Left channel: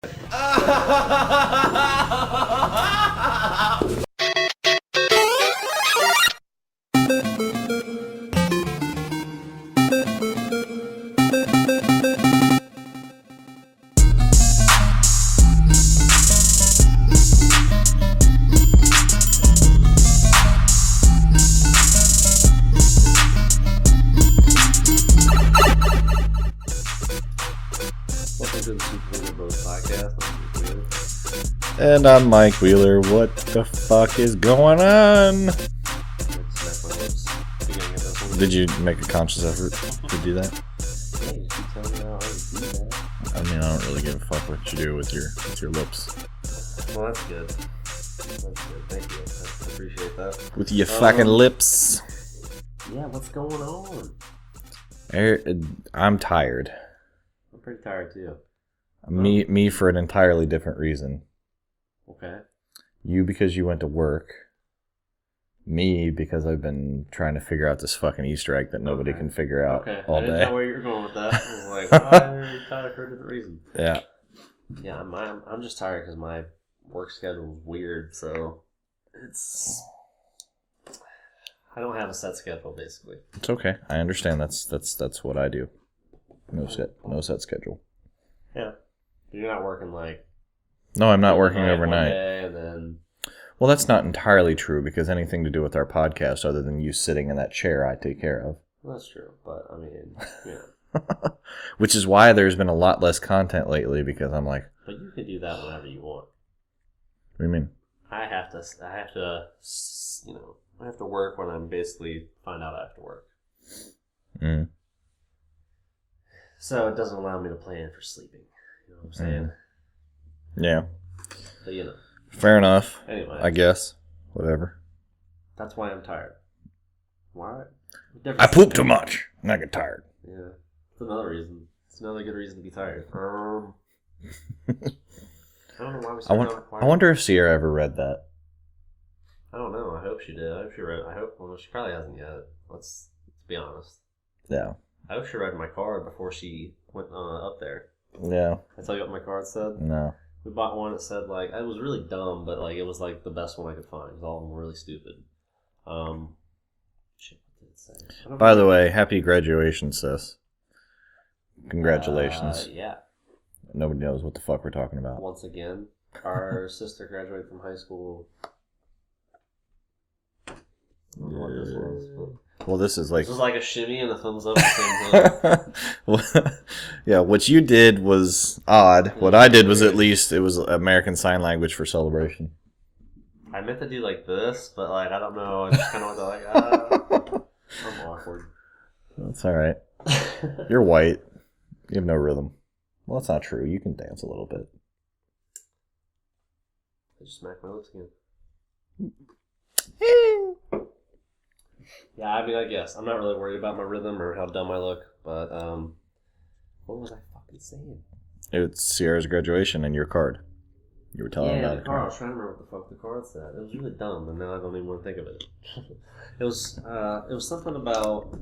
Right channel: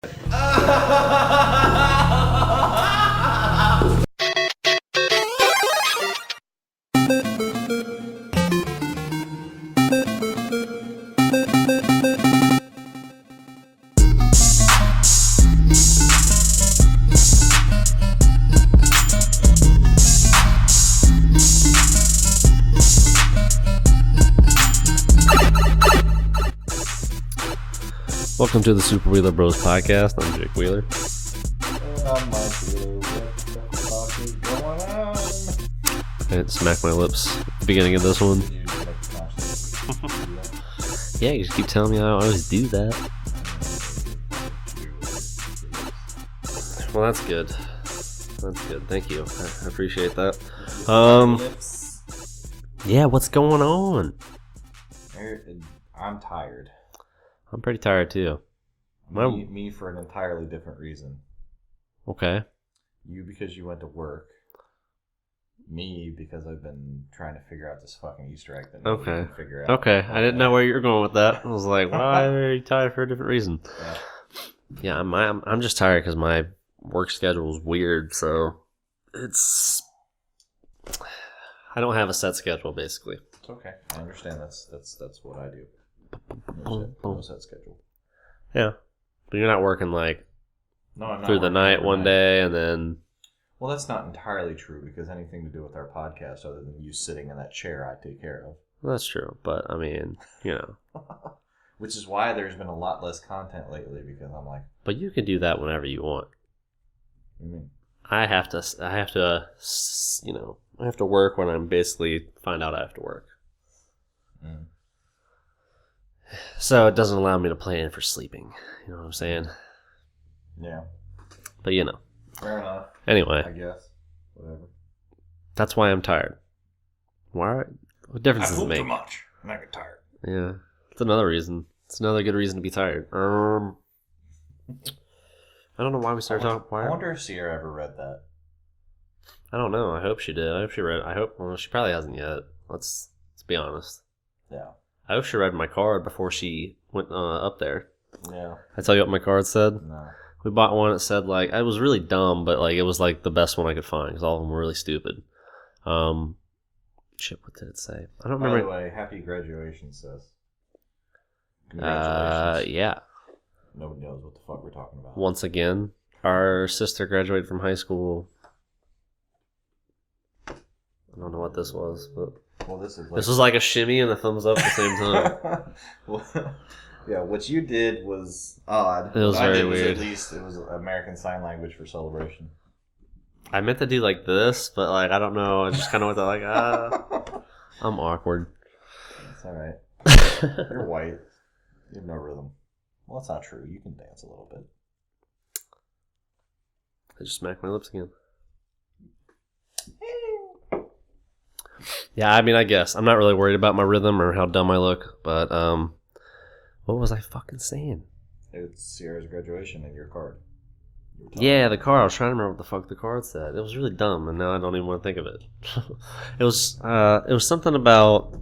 Welcome to the Super Wheeler Bros podcast. I'm Jake Wheeler. And I'm Mike Wheeler. What the fuck is going on? I had to smack my lips at the beginning of this one. Did you make a conscious effort to do that? Yeah, you just keep telling me I always do that. I mean, I don't really give a fuck what you do with your lips. Well, that's good. That's good. Thank you. I appreciate that. With your fucking lips. Yeah, what's going on? I'm tired. I'm pretty tired too. Me for an entirely different reason. Okay. You because you went to work. Me because I've been trying to figure out this fucking Easter egg that nobody can figure out. Okay, I didn't know where you were going with that. I was like, why are you tired for a different reason? Yeah. Yeah, I'm just tired because my work schedule is weird, so I don't have a set schedule basically. It's okay. I understand. That's what I do. No set schedule. Yeah, but you're not working like. No, I'm not working the night overnight. One day and then. Well, that's not entirely true because anything to do with our podcast, other than you sitting in that chair, I take care of. That's true, but I mean, you know. Which is why there's been a lot less content lately because I'm like. But you can do that whenever you want. What do you mean? I have to, I have to work when I'm basically find out I have to work. Mm. So it doesn't allow me to plan for sleeping. You know what I'm saying? Yeah. But you know. Fair enough. Anyway. I guess. Whatever. That's why I'm tired. Why? What difference I poop too much. And I get tired. Yeah. It's another reason. It's another good reason to be tired. I don't know why we started talking. I wonder if Sierra ever read that. I don't know. I hope she did. I hope she read. Well, she probably hasn't yet. Let's be honest. Yeah. I hope she read my card before she went up there. Yeah. I tell you what my card said? No. We bought one that said, like, it was really dumb, but, like, it was, like, the best one I could find because all of them were really stupid. Shit, what did it say? By the way, happy graduation, sis. Congratulations. Yeah. Nobody knows what the fuck we're talking about. Once again, our sister graduated from high school. I don't know what this was, but... Well, this is like... This was like a shimmy and a thumbs up at the same time. Yeah, what you did was odd. What I did was weird. At least it was American Sign Language for celebration. I meant to do like this, but like I don't know. I just kind of went to like, I'm awkward. It's all right. You're white. You have no rhythm. Well, that's not true. You can dance a little bit. I just smacked my lips again. Yeah, I mean, I guess. I'm not really worried about my rhythm or how dumb I look, but what was I fucking saying? It's Sierra's graduation and your card. You were telling me the card. I was trying to remember what the fuck the card said. It was really dumb, and now I don't even want to think of it. It was something about...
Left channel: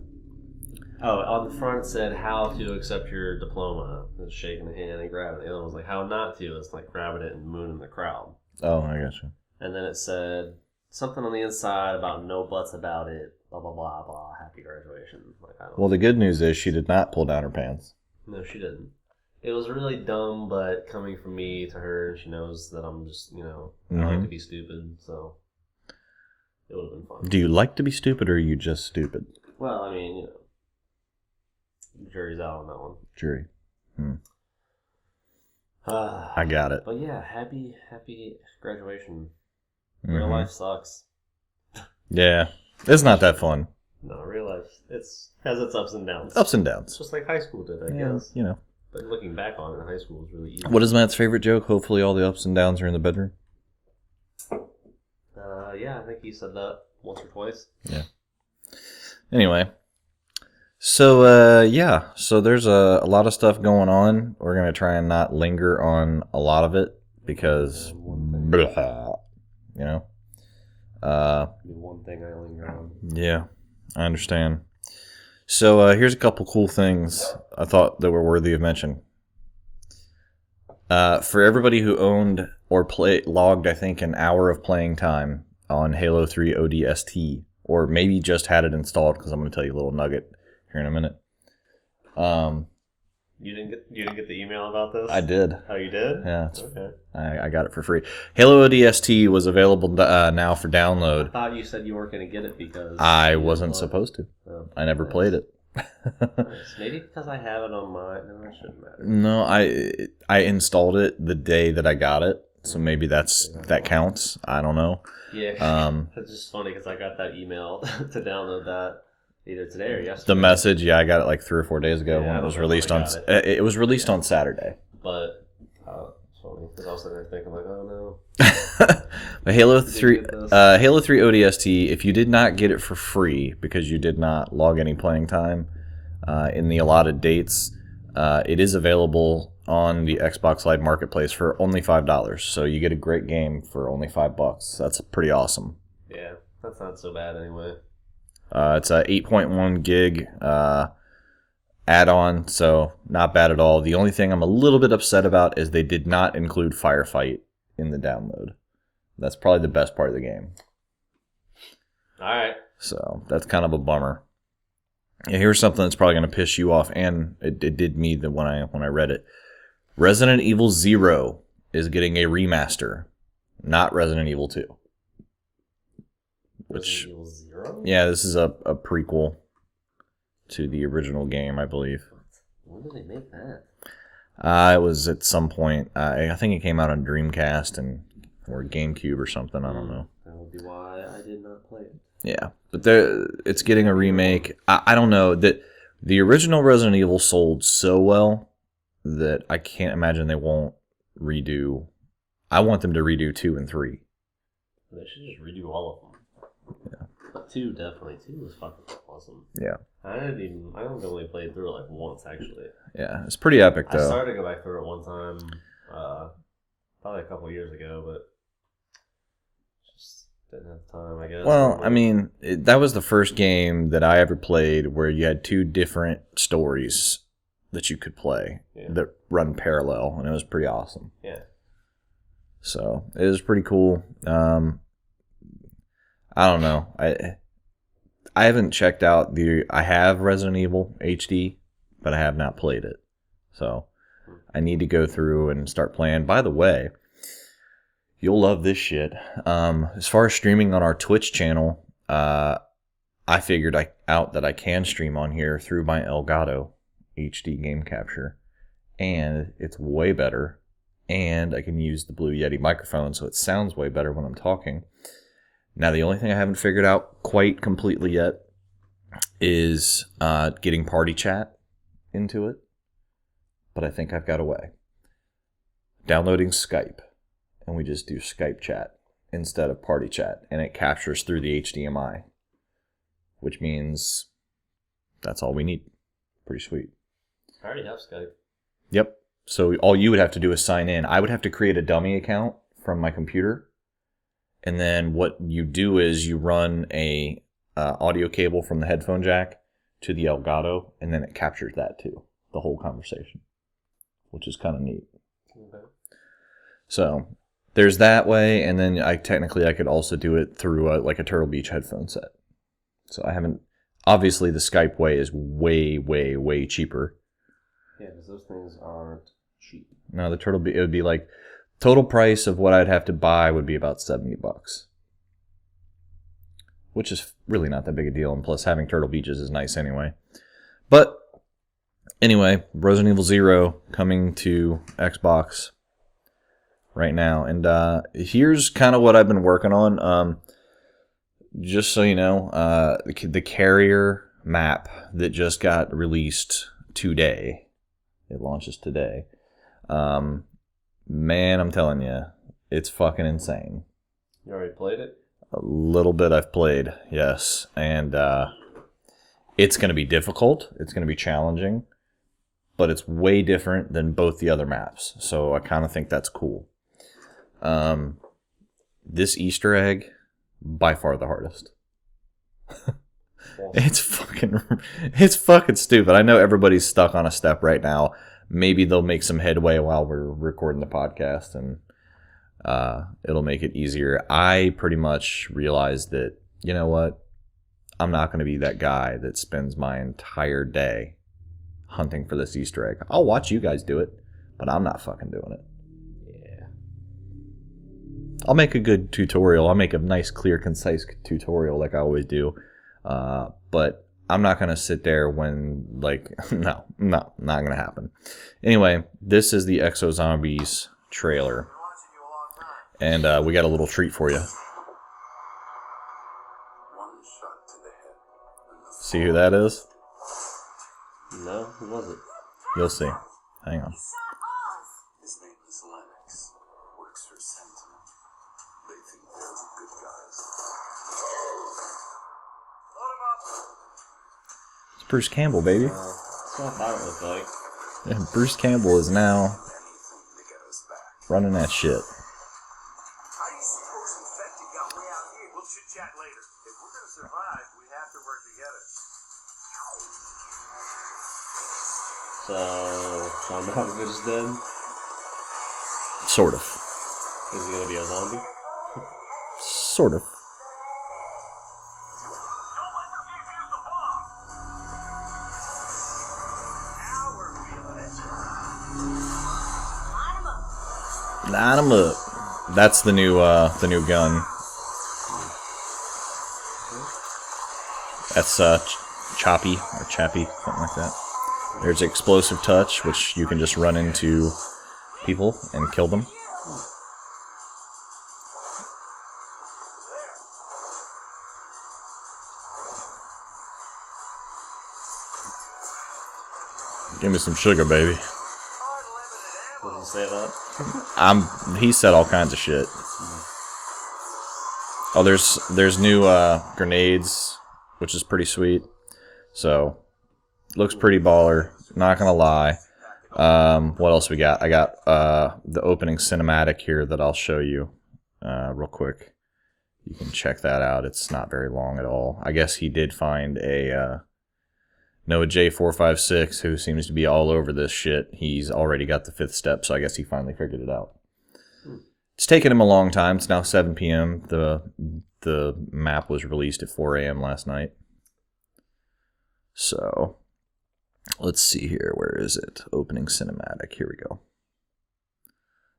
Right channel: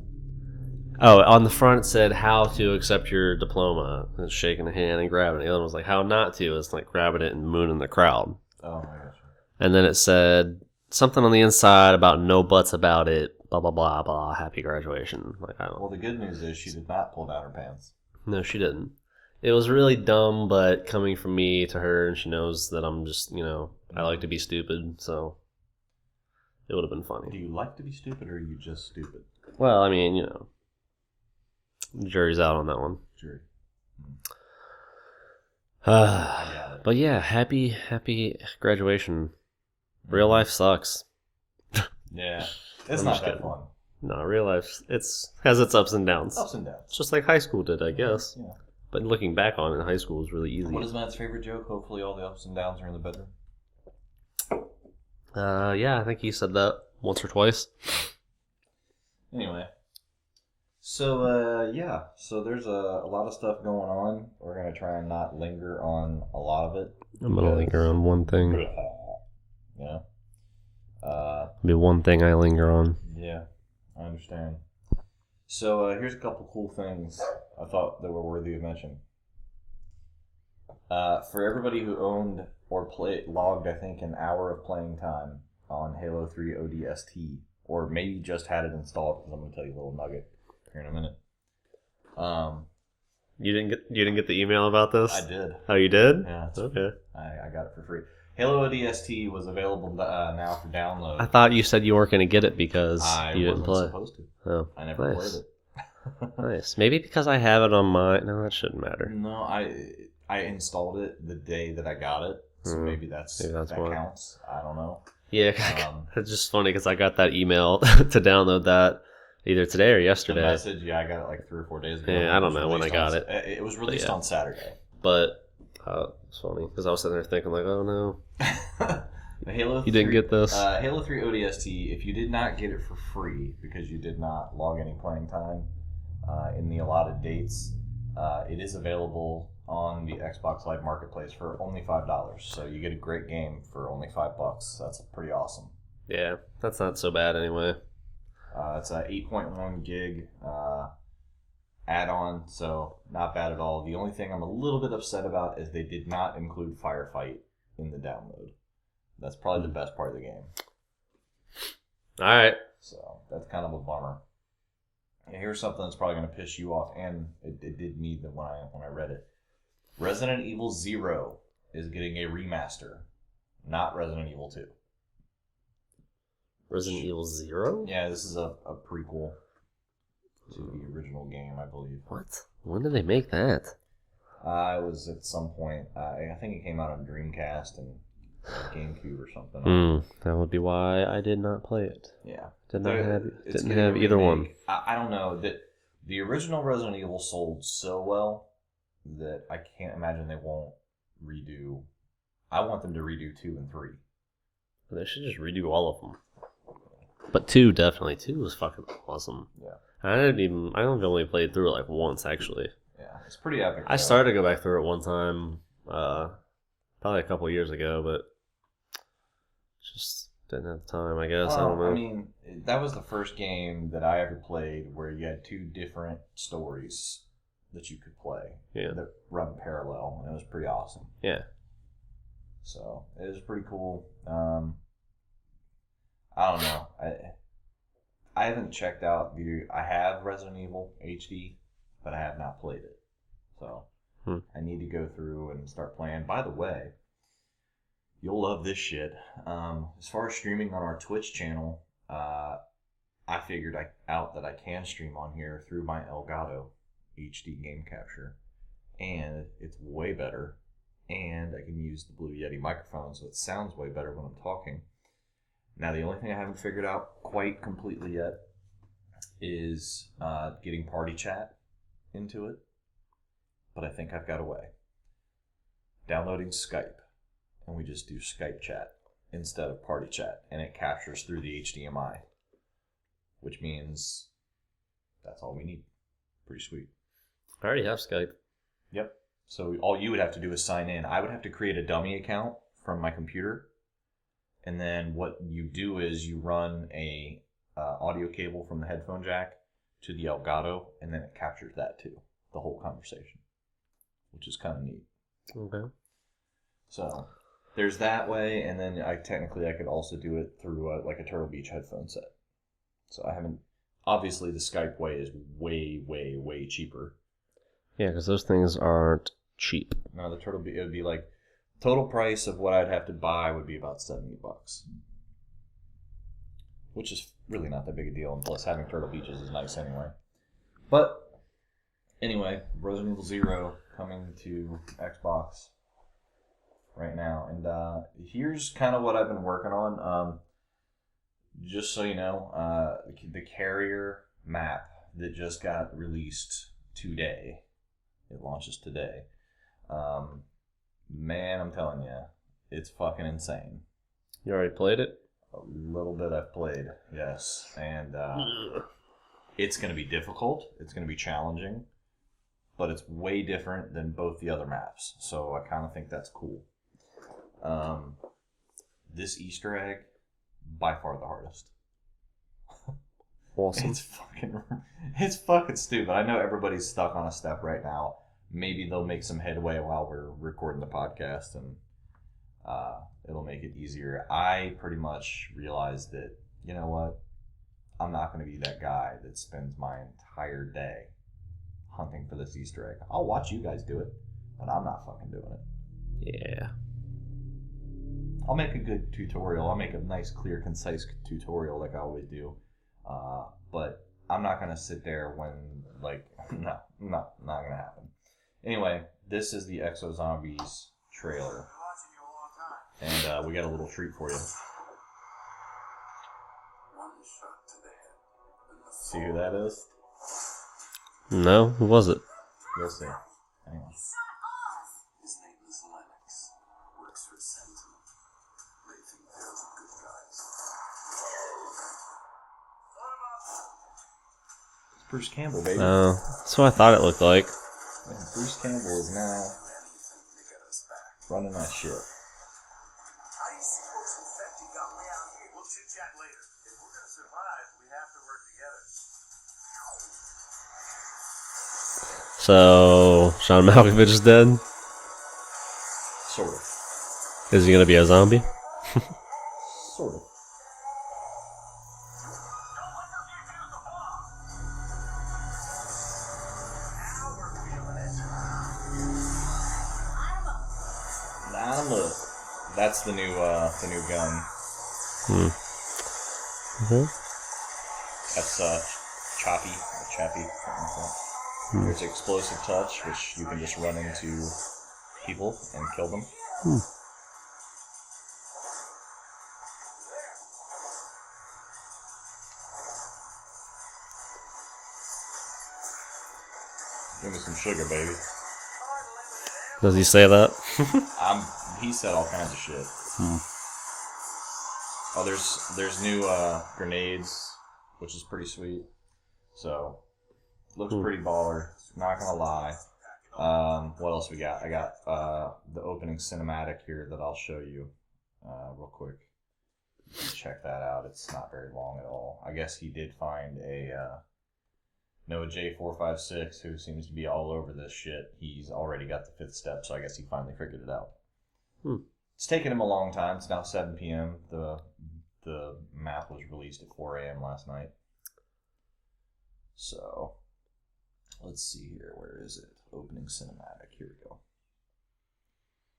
Oh, on the front it said how to accept your diploma. It's shaking a hand and grabbing it. The other one was like how not to. It's like grabbing it and mooning the crowd. Oh, I gotcha. And then it said... something on the inside about no buts about it, blah, blah, blah, blah, happy graduation. Like, I don't Well, the good news is she did not pull down her pants. No, she didn't. It was really dumb, but coming from me to her, and she knows that I'm just, I like to be stupid, so it would have been fun. Do you like to be stupid, or are you just stupid? Well, I mean, jury's out on that one. Jury. I got it. But yeah, happy graduation. Real life sucks. Yeah. It's not that fun. No, real life has its ups and downs. Ups and downs. It's just like high school did, I guess. But looking back on it, high school was really easy. What is Matt's favorite joke? Hopefully all the ups and downs are in the bedroom. Yeah, I think he said that once or twice. Yeah. Anyway. So, So there's a lot of stuff going on. We're going to try and not linger on a lot of it. Because linger on one thing. Be one thing I linger on. Yeah, I understand. So here's a couple cool things I thought that were worthy of mention. For everybody who owned or logged, I think, an hour of playing time on Halo 3 ODST, or maybe just had it installed, because I'm going to tell you a little nugget here in a minute. You didn't get the email about this? I did. Oh, you did? Yeah. Okay. I got it for free. Halo ODST was available now for download. I thought you said you weren't going to get it because I you didn't wasn't play. supposed to. Oh, I never nice. played it. Nice. Maybe because I have it on my... No, that shouldn't matter. No, I installed it the day that I got it, so maybe that why. counts. I don't know. Yeah. It's just funny because I got that email to download that either today or yesterday. The message, yeah, I got it like 3 or 4 days ago. Yeah, I don't know when I got it. It was released on Saturday. But it's funny because I was sitting there thinking like, oh no. But Halo You 3, didn't get this? Halo 3 ODST, if you did not get it for free because you did not log any playing time in the allotted dates, it is available on the Xbox Live Marketplace for only $5. So you get a great game for only $5. That's pretty awesome. Yeah, that's not so bad anyway. It's a 8.1 gig add-on, so not bad at all. The only thing I'm a little bit upset about is they did not include Firefight in the download. That's probably the best part of the game. All right. So that's kind of a bummer. Yeah, here's something that's probably going to piss you off, and it did me when I read it. Resident Evil 0 is getting a remaster, not Resident Evil 2. Resident Evil 0? Yeah, this is a prequel to the original game, I believe. What? When did they make that? It was at some point. I think it came out on Dreamcast and GameCube or something. I don't know. That would be why I did not play it. Yeah, but it's didn't getting a have either remake. I don't know that the original Resident Evil sold so well that I can't imagine they won't redo. I want them to redo 2 and 3. They should just redo all of them. Yeah. But 2 definitely. 2 was fucking awesome. Yeah. I only played through it like once actually. Yeah, it's pretty epic though. I started to go back through it one time, probably a couple years ago, but just didn't have time, I guess. Well, I mean, that was the first game that I ever played where you had 2 different stories that you could play that run parallel, and it was pretty awesome. Yeah. So it was pretty cool. I don't know. I haven't checked out I have Resident Evil HD, but I have not played it. So I need to go through and start playing. By the way, you'll love this shit. As far as streaming on our Twitch channel, I figured out that I can stream on here through my Elgato HD game capture, and it's way better. And I can use the Blue Yeti microphone, so it sounds way better when I'm talking. Now, the only thing I haven't figured out quite completely yet is getting party chat into it, but I think I've got a way. Downloading Skype, and we just do Skype chat instead of party chat, and it captures through the HDMI, which means that's all we need. Pretty sweet. I already have Skype. Yep. So all you would have to do is sign in. I would have to create a dummy account from my computer. And then what you do is you run a audio cable from the headphone jack to the Elgato, and then it captures that too, the whole conversation, which is kind of neat. Okay. So there's that way, and then I could also do it through like a Turtle Beach headphone set. So I haven't. Obviously, the Skype way is way, way, way cheaper. Yeah, because those things aren't cheap. No, the Turtle Beach, it would be like total price of what I'd have to buy would be about $70, which is really not that big a deal. And plus, having Turtle Beaches is nice anyway. But anyway, Resident Evil 0 coming to Xbox right now, and here's kind of what I've been working on. Just so you know, the Carrier map that just got released today. It launches today. Man, I'm telling you, it's fucking insane. You already played it? A little bit I've played, yes. And it's going to be difficult. It's going to be challenging. But it's way different than both the other maps. So I kind of think that's cool. This Easter egg, by far the hardest. Awesome. It's fucking stupid. I know everybody's stuck on a step right now, maybe they'll make some headway while we're recording the podcast, and it'll make it easier. I pretty much realized that, you know what? I'm not going to be that guy that spends my entire day hunting for this Easter egg. I'll watch you guys do it, but I'm not fucking doing it. Yeah. I'll make a good tutorial. I'll make a nice, clear, concise tutorial like I always do. But I'm not going to sit there when, like, no, not going to happen. Anyway, this is the Exo Zombies trailer. And we got a little treat for you. See who that is? No, who was it? You'll see. Hang on. His name is Lennox. Works for Sentinel. They think they're the good guys. Load him up. It's Bruce Campbell, baby. That's what I thought it looked like. Yeah, Bruce Campbell is now Anything to get us back. running that shit. How do you suppose infected got way out here? We'll chit chat later. If we're gonna survive, we have to work together. So, Sean Malkovich is dead? Sort of. Is he going to be a zombie? Sort of. Line 'em up. That's the new gun. That's Choppy or Chappy, something like that. There's Explosive Touch, which you can just run into people and kill them. Give me some sugar, baby. Does he say that? He said all kinds of shit. Oh, there's new grenades, which is pretty sweet. So, looks pretty baller. Not gonna lie. What else we got? I got the opening cinematic here that I'll show you real quick. You can check that out. It's not very long at all. I guess he did find a Noah J456, who seems to be all over this shit. He's already got the 5th step, so I guess he finally figured it out. It's taken him a long time. It's now 7 p.m. The map was released at 4 a.m. last night. So, let's see here. Where is it? Opening cinematic. Here we go.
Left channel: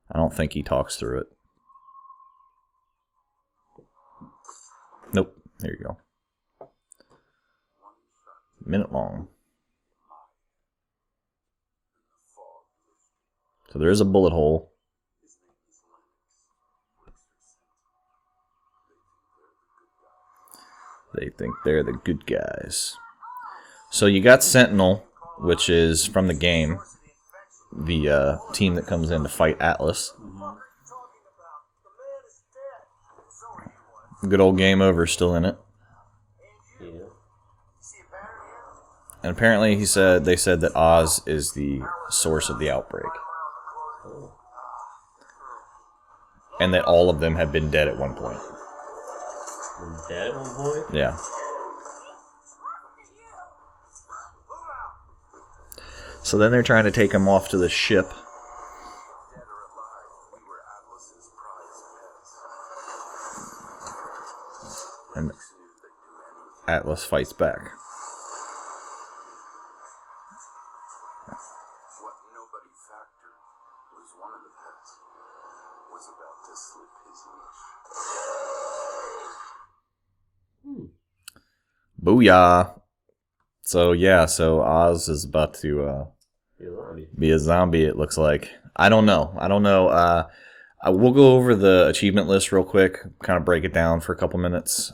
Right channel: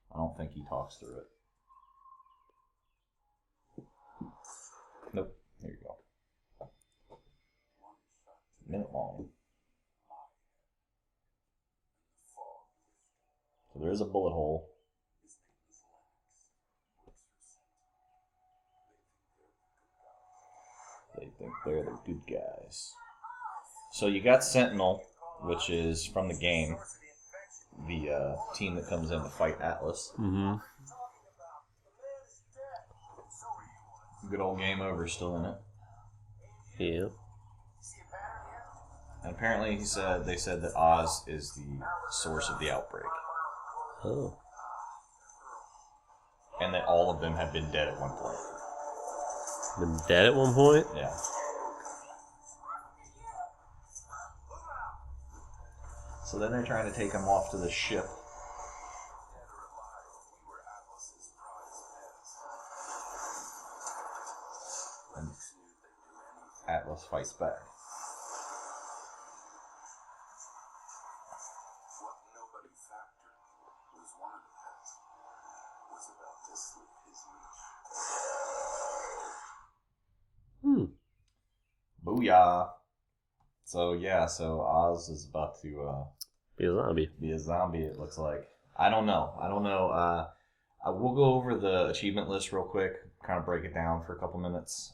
I don't think he talks through it. Nope. Here you go. Minute long. So there is a bullet hole. They think they're the good guys. So you got Sentinel, which is from the game, the team that comes in to fight Atlas. Good old Game Over still in it. Yeah. And apparently they said that Oz is the source of the outbreak. Oh. And that all of them have been dead at one point. Been dead at one point? Yeah. So then they're trying to take him off to the ship. And Atlas fights back. What nobody factored was one of the pets was about to slip his leash. Booyah. So yeah, so Oz is about to Be a zombie. be a zombie, it looks like. I don't know. We'll go over the achievement list real quick, kind of break it down for a couple minutes.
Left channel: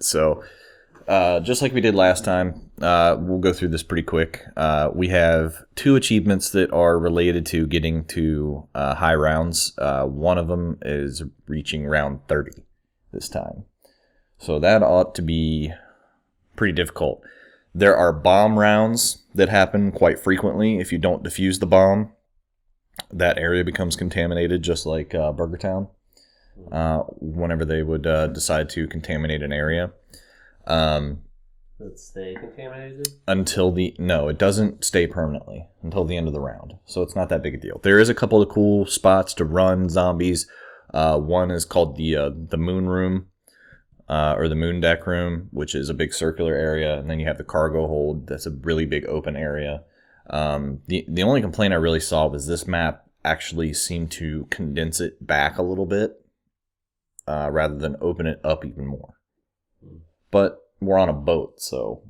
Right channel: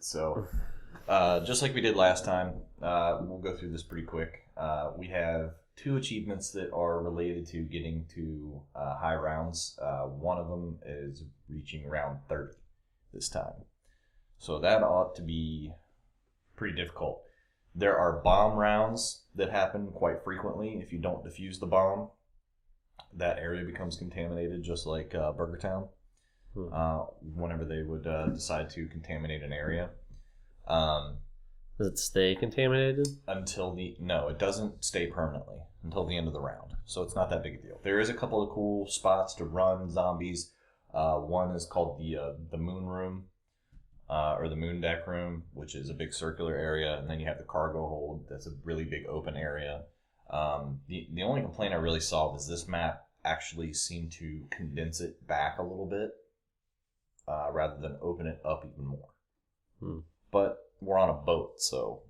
Just like we did last time, we'll go through this pretty quick. We have 2 achievements that are related to getting to high rounds. One of them is reaching round 30 this time. So that ought to be pretty difficult. There are bomb rounds that happen quite frequently. If you don't defuse the bomb, that area becomes contaminated, just like Burger Town. Whenever they would decide to contaminate an area. Does it stay contaminated? No, it doesn't stay permanently until the end of the round. So it's not that big a deal. There is a couple of cool spots to run zombies. One is called the Moon Room, or the Moon Deck Room, which is a big circular area, and then you have the cargo hold. That's a really big open area. The only complaint I really saw was this map actually seemed to condense it back a little bit, rather than open it up even more. But we're on a boat, so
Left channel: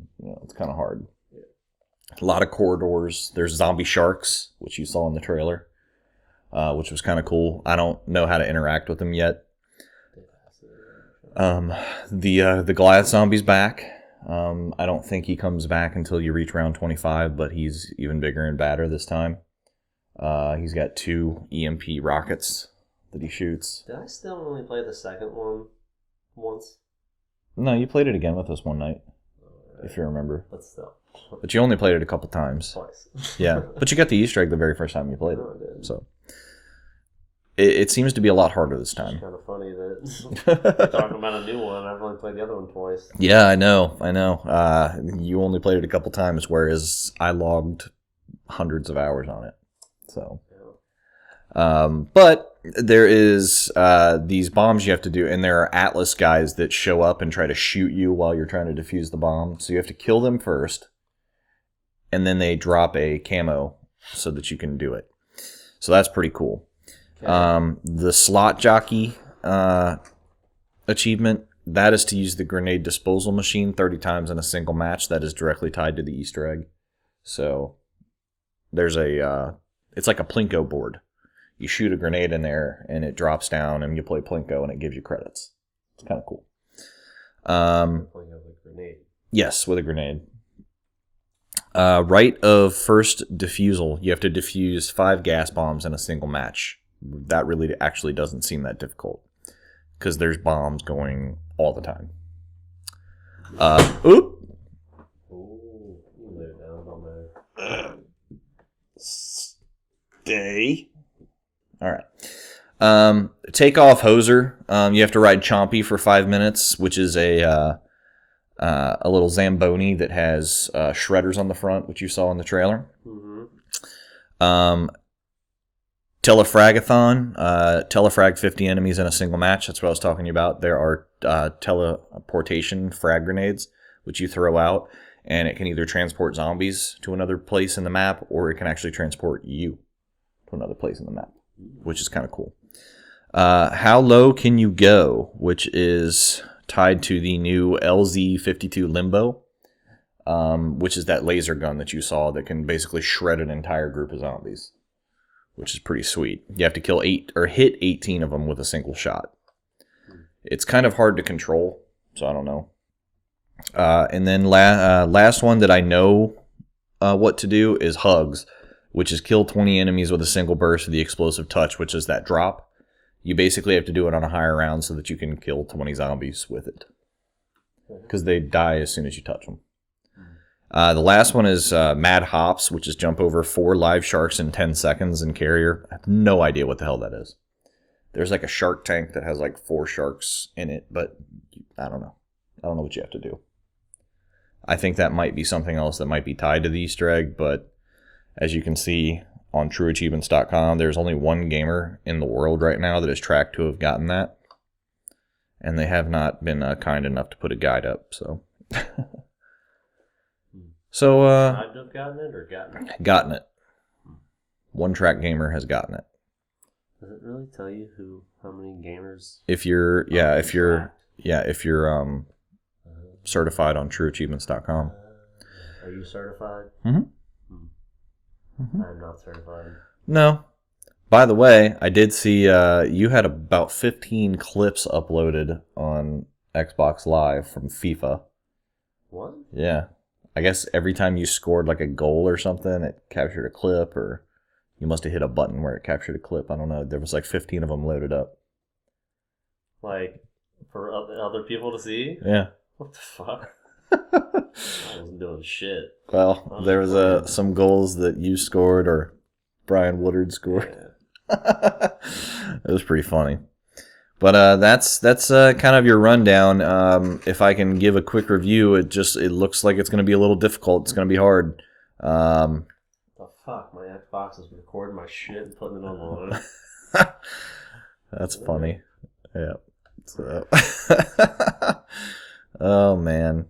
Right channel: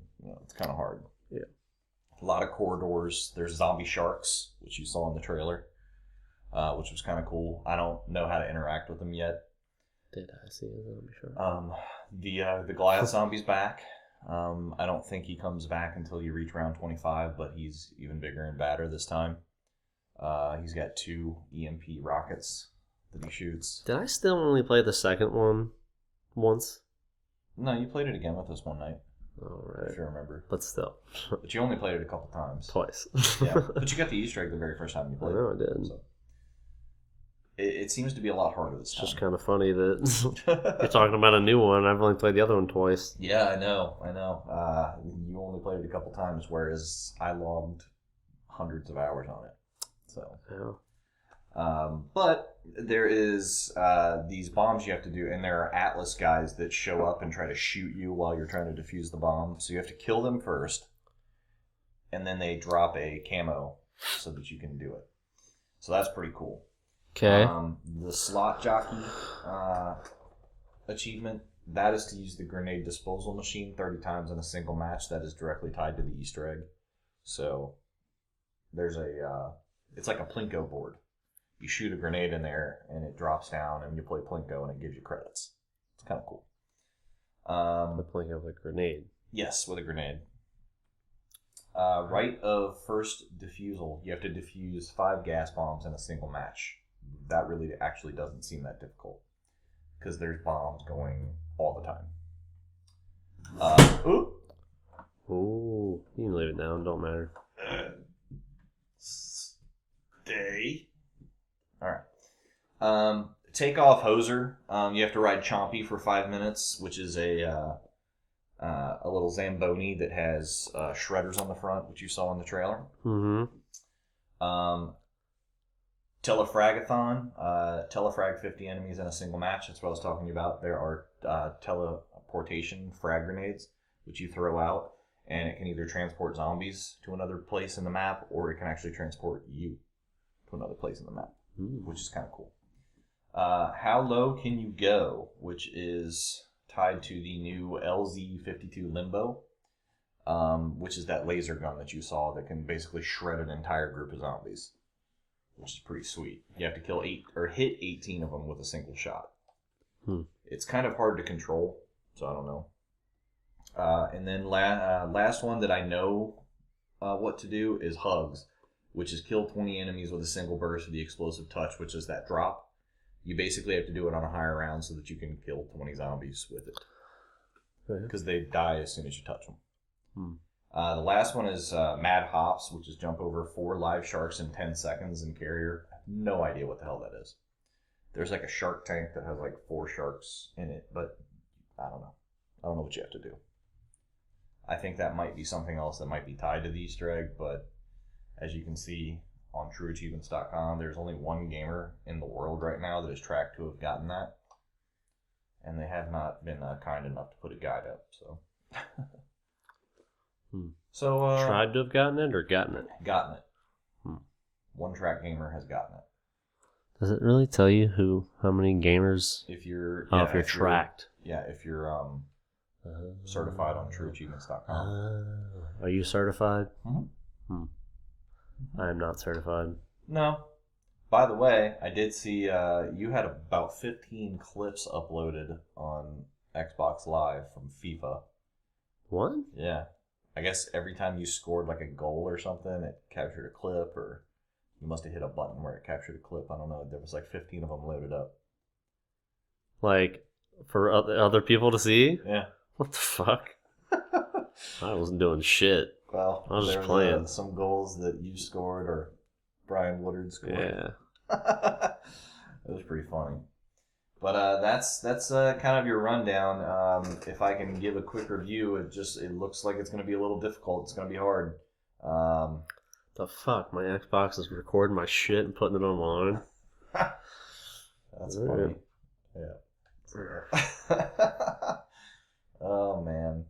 it's kind of hard. Yeah. A lot of corridors. There's zombie sharks, which you saw in the trailer, which was kind of cool. I don't know how to interact with them yet. Did I see it? The Goliath zombie's back. I don't think he comes back until you reach round 25, but he's even bigger and badder this time. He's got 2 EMP rockets that he shoots. Did I still only play the second one once? No, you played it again with us one night, Alright. if you remember. But still. But you only played it a couple times. Twice. Yeah, but you got the Easter egg the very first time you played No, it. I did. So it seems to be a lot harder this It's time. just kind of funny that we're talking about a new one. I've only played the other one twice. Yeah, I know. You only played it a couple times, whereas I logged hundreds of hours on it. So, Yeah. but there is these bombs you have to do, and there are Atlas guys that show up and try to shoot you while you're trying to defuse the bomb. So you have to kill them first, and then they drop a camo so that you can do it. So that's pretty cool. Okay. The slot jockey achievement, that is to use the grenade disposal machine 30 times in a single match. That is directly tied to the Easter egg. So there's it's like a Plinko board. You shoot a grenade in there and it drops down and you play Plinko and it gives you credits. It's kind of cool. Playing with a grenade. Yes, with a grenade. Right of first defusal. You have to defuse 5 gas bombs in a single match. That really actually doesn't seem that difficult because there's bombs going all the time. Oop. Oh, you can leave it down. Don't matter. Stay. All right. Take off hoser. You have to ride Chompy for 5 minutes, which is a little Zamboni that has shredders on the front, which you saw in the trailer. Mm-hmm. Telefragathon. Telefrag 50 enemies in a single match. That's what I was talking about. There are teleportation frag grenades, which you throw out, and it can either transport zombies to another place in the map, or it can actually transport you to another place in the map, which is kind of cool. How low can you go, which is tied to the new LZ-52 Limbo, which is that laser gun that you saw that can basically shred an entire group of zombies, which is pretty sweet. You have to kill 8 or hit 18 of them with a single shot. It's kind of hard to control, so I don't know. And then last one that I know what to do is Hugs, which is kill 20 enemies with a single burst of the explosive touch, which is that drop. You basically have to do it on a higher round so that you can kill 20 zombies with it, because they die as soon as you touch them. The last one is Mad Hops, which is jump over 4 live sharks in 10 seconds in Carrier. I have no idea what the hell that is. There's like a shark tank that has like 4 sharks in it, but I don't know. I don't know what you have to do. I think that might be something else that might be tied to the Easter egg, but as you can see on trueachievements.com, there's only one gamer in the world right now that is tracked to have gotten that, and they have not been kind enough to put a guide up, so... So, tried to have gotten it or gotten it? Gotten it. One track gamer has gotten it. Does it really tell you how many gamers? If you're tracked? if you're certified on trueachievements.com. Are you certified? Mm-hmm. I am not certified. No. By the way, I did see you had about 15 clips uploaded on Xbox Live from FIFA. What? Yeah. I guess every time you scored like a goal or something, it captured a clip, or you must have hit a button where it captured a clip. I don't know. There was like 15 of them loaded up. Like, for other people to see? Yeah. What the fuck? I wasn't doing shit. Well, there was some goals that you scored or Brian Woodard scored. Yeah. It was pretty funny. But that's kind of your rundown. If I can give a quick review, it looks like it's going to be a little difficult. It's going to be hard. The fuck? My Xbox is recording my shit and putting it online. That's funny. Yeah. So. Oh man.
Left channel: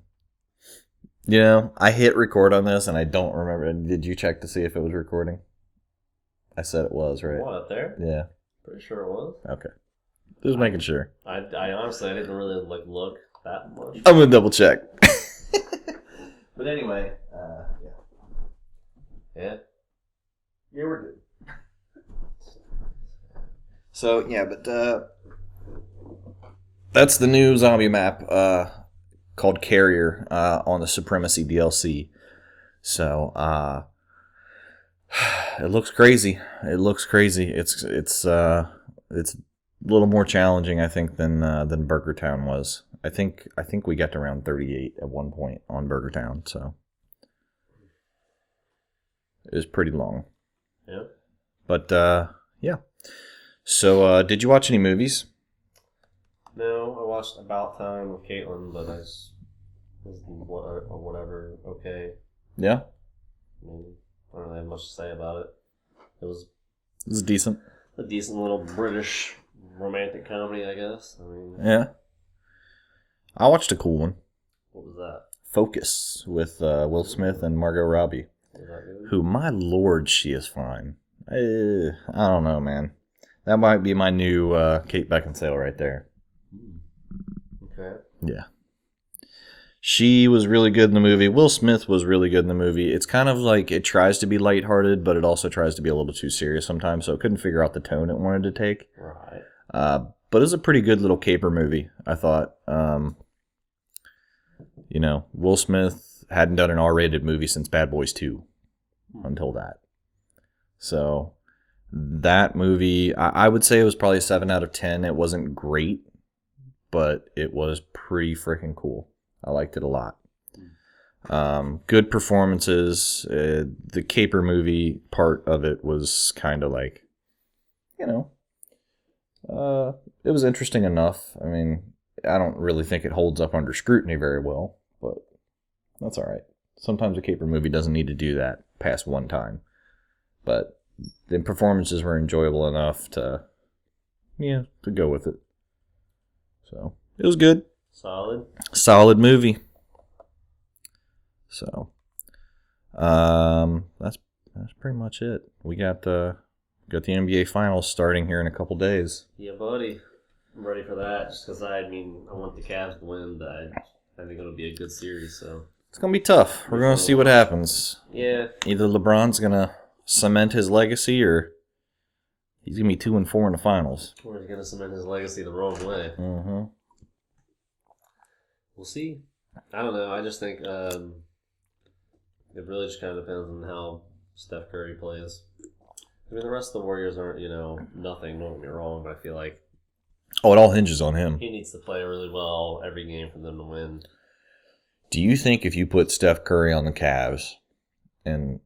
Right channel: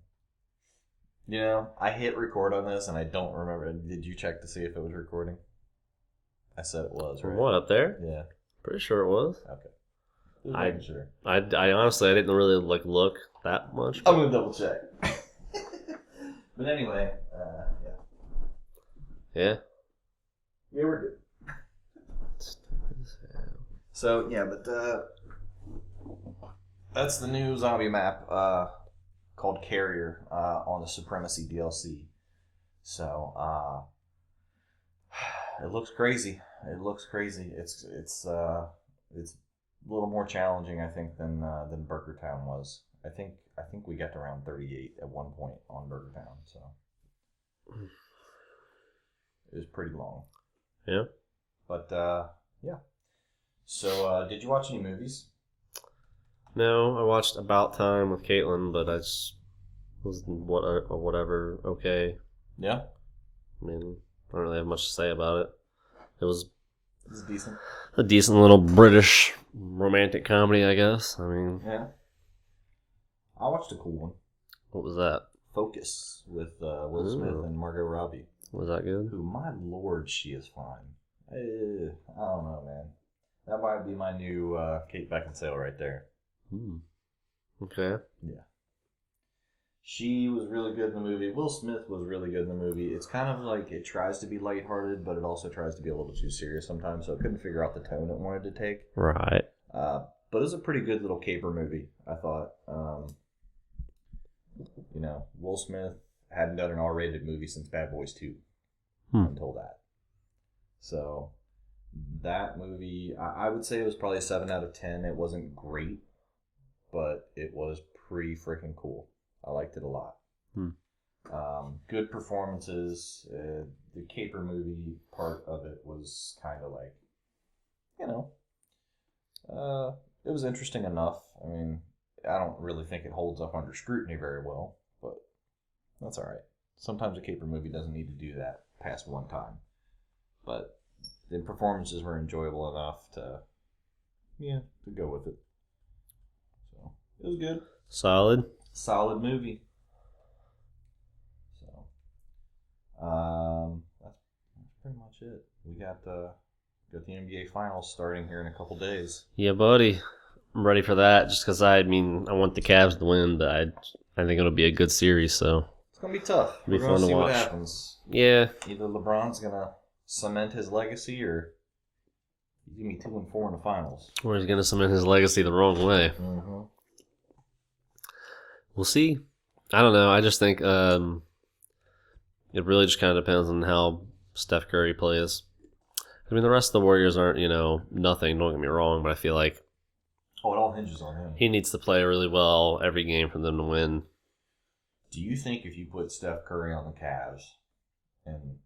You know, I hit record on this and I don't remember. Did you check to see if it was recording? I said it was, right? What, up there? Yeah. Pretty sure it was. Okay. Just making sure. I honestly, I didn't really look that much. I'm gonna double check. But anyway, yeah. Yeah. Yeah, we're good. So yeah, but that's the new zombie map called Carrier on the Supremacy DLC. So it looks crazy. It's a little more challenging, I think, than Burger Town was. I think we got to around 38 at one point on Burger Town, so it was pretty long. Yeah. But yeah. So did you watch any movies? No, I watched About Time with Caitlyn, but I just was whatever. Okay. Yeah. I mean, I don't really have much to say about it. It was decent. A decent little British romantic comedy, I guess. I mean, yeah. I watched a cool one. What was that? Focus with Will Smith and Margot Robbie. Was that good? Who, my lord, she is fine. I don't know, man. That might be my new Kate Beckinsale right there. Okay. Yeah. She was really good in the movie. Will Smith was really good in the movie. It's kind of like it tries to be lighthearted, but it also tries to be a little too serious sometimes, so it couldn't figure out the tone it wanted to take. Right. But it was a pretty good little caper movie, I thought. You know, Will Smith hadn't done an R-rated movie since Bad Boys 2 until that. So that movie, I would say it was probably a 7 out of 10. It wasn't great, but it was pretty freaking cool. I liked it a lot. Good performances. The caper movie part of it was kind of like, you know, it was interesting enough. I mean, I don't really think it holds up under scrutiny very well, but that's all right. Sometimes a caper movie doesn't need to do that past one time. But the performances were enjoyable enough to go with it. So it was good. Solid movie. So that's pretty much it. We got the NBA Finals starting here in a couple days. Yeah, buddy. I'm ready for that. Just because I want the Cavs to win, but I think it'll be a good series. So it's gonna be tough. We're gonna see what happens. Yeah. Either LeBron's gonna cement his legacy, or he's gonna be 2-4 in the finals, or he's gonna cement his legacy the wrong way. Mm-hmm. We'll see. I don't know. I just think it really just kind of depends on how Steph Curry plays. I mean, the rest of the Warriors aren't, nothing. Don't get me wrong, but I feel like it all hinges on him. He needs to play really well every game for them to win. Do you think if you put Steph Curry on the Cavs and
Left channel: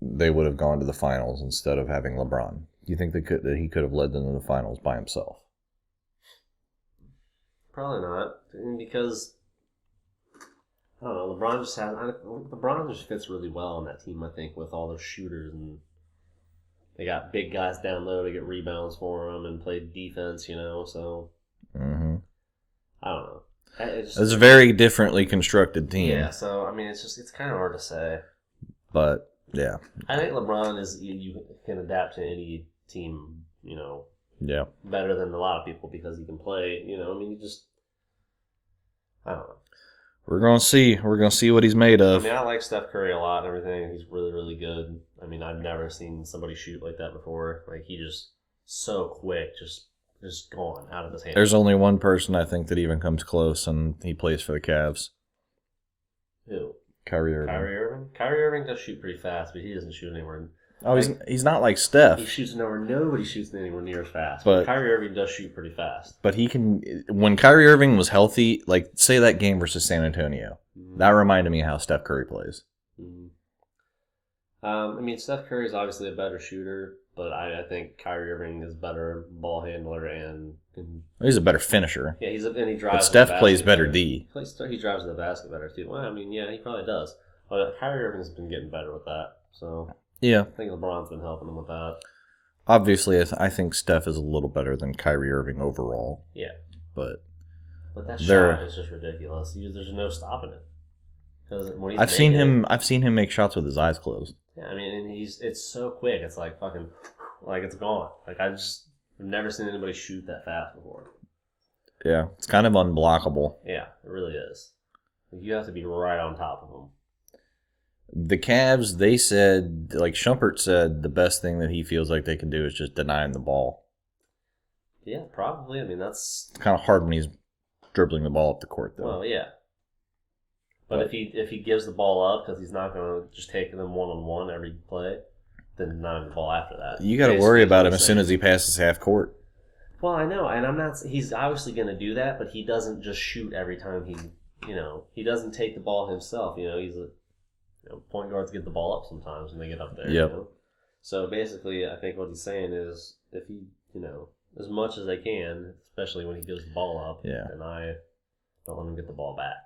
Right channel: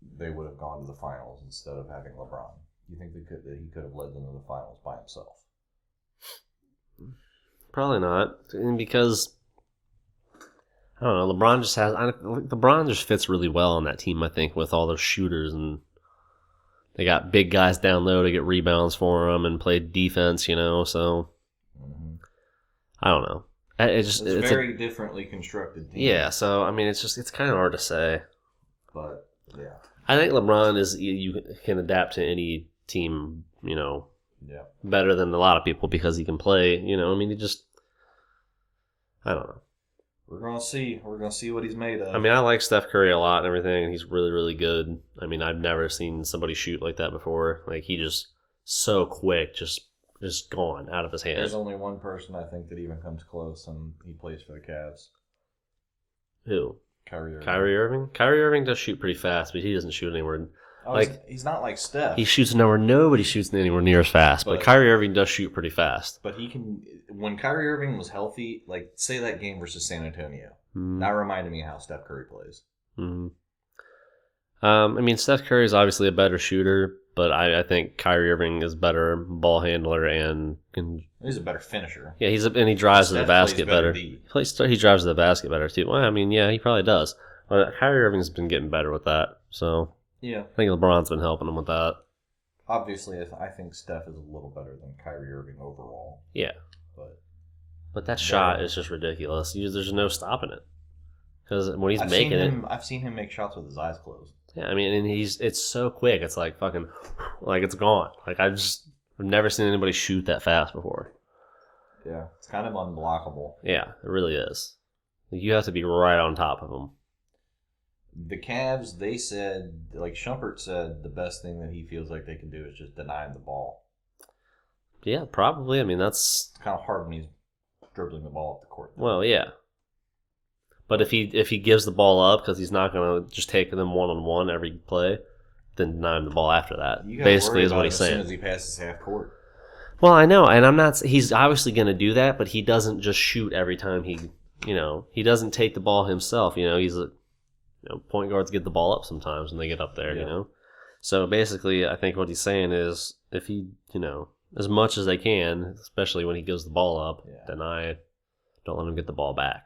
they would have gone to the finals instead of having LeBron? Do you think that he could have led them to the finals by himself? Probably not, because I don't know. LeBron just fits really well on that team. I think with all those shooters, and they got big guys down low to get rebounds for them and play defense. So I don't know. It's a very differently constructed team. Yeah, so I mean, it's kind of hard to say. But yeah, I think LeBron you can adapt to any team. Yeah, better than a lot of people because he can play. I mean, I don't know. We're gonna see. We're gonna see what he's made of. I mean, I like Steph Curry a lot and everything. He's really, really good. I mean, I've never seen somebody shoot like that before. Like, he just so quick, just gone out of his hand. There's only one person I think that even comes close, and he plays for the Cavs. Who? Kyrie Irving. Kyrie Irving does shoot pretty fast, but he doesn't shoot anywhere. Oh, he's not like Steph. He shoots nowhere. Nobody shoots anywhere near as fast. But Kyrie Irving does shoot pretty fast. But he can. When Kyrie Irving was healthy, like say that game versus San Antonio, that reminded me how Steph Curry plays. I mean, Steph Curry is obviously a better shooter, but I think Kyrie Irving is better ball handler and can. He's a better finisher. Yeah, he drives Steph to the basket plays better better. D. He drives to the basket better too. Well, I mean, yeah, he probably does. But Kyrie Irving's been getting better with that, so Yeah. I think LeBron's been helping him with that. Obviously, I think Steph is a little better than Kyrie Irving overall. Yeah, But that shot is just ridiculous. There's no stopping it because when he's I've seen him make shots with his eyes closed. Yeah, I mean, and it's so quick. It's like fucking, like it's gone. Like I've never seen anybody shoot that fast before. Yeah, it's kind of unblockable. Yeah, it really is. You have to be right on top of them. The Cavs, they said, like Shumpert said, the best thing that he feels like they can do is just deny him the ball. Yeah, probably. I mean, that's It's kind of hard when he's dribbling the ball up the court, though. well, yeah. But if he gives the ball up because he's not gonna just take them one-on-one every play, then deny him the ball after that. You got to worry about him as soon as he passes half court. Well, I know, and I'm not. He's obviously gonna do that, but he doesn't just shoot every time he doesn't take the ball himself. He's a point guards get the ball up sometimes when they get up there. Yep. So basically, I think what he's saying is if he as much as they can, especially when he gives the ball up, don't let him get the ball back.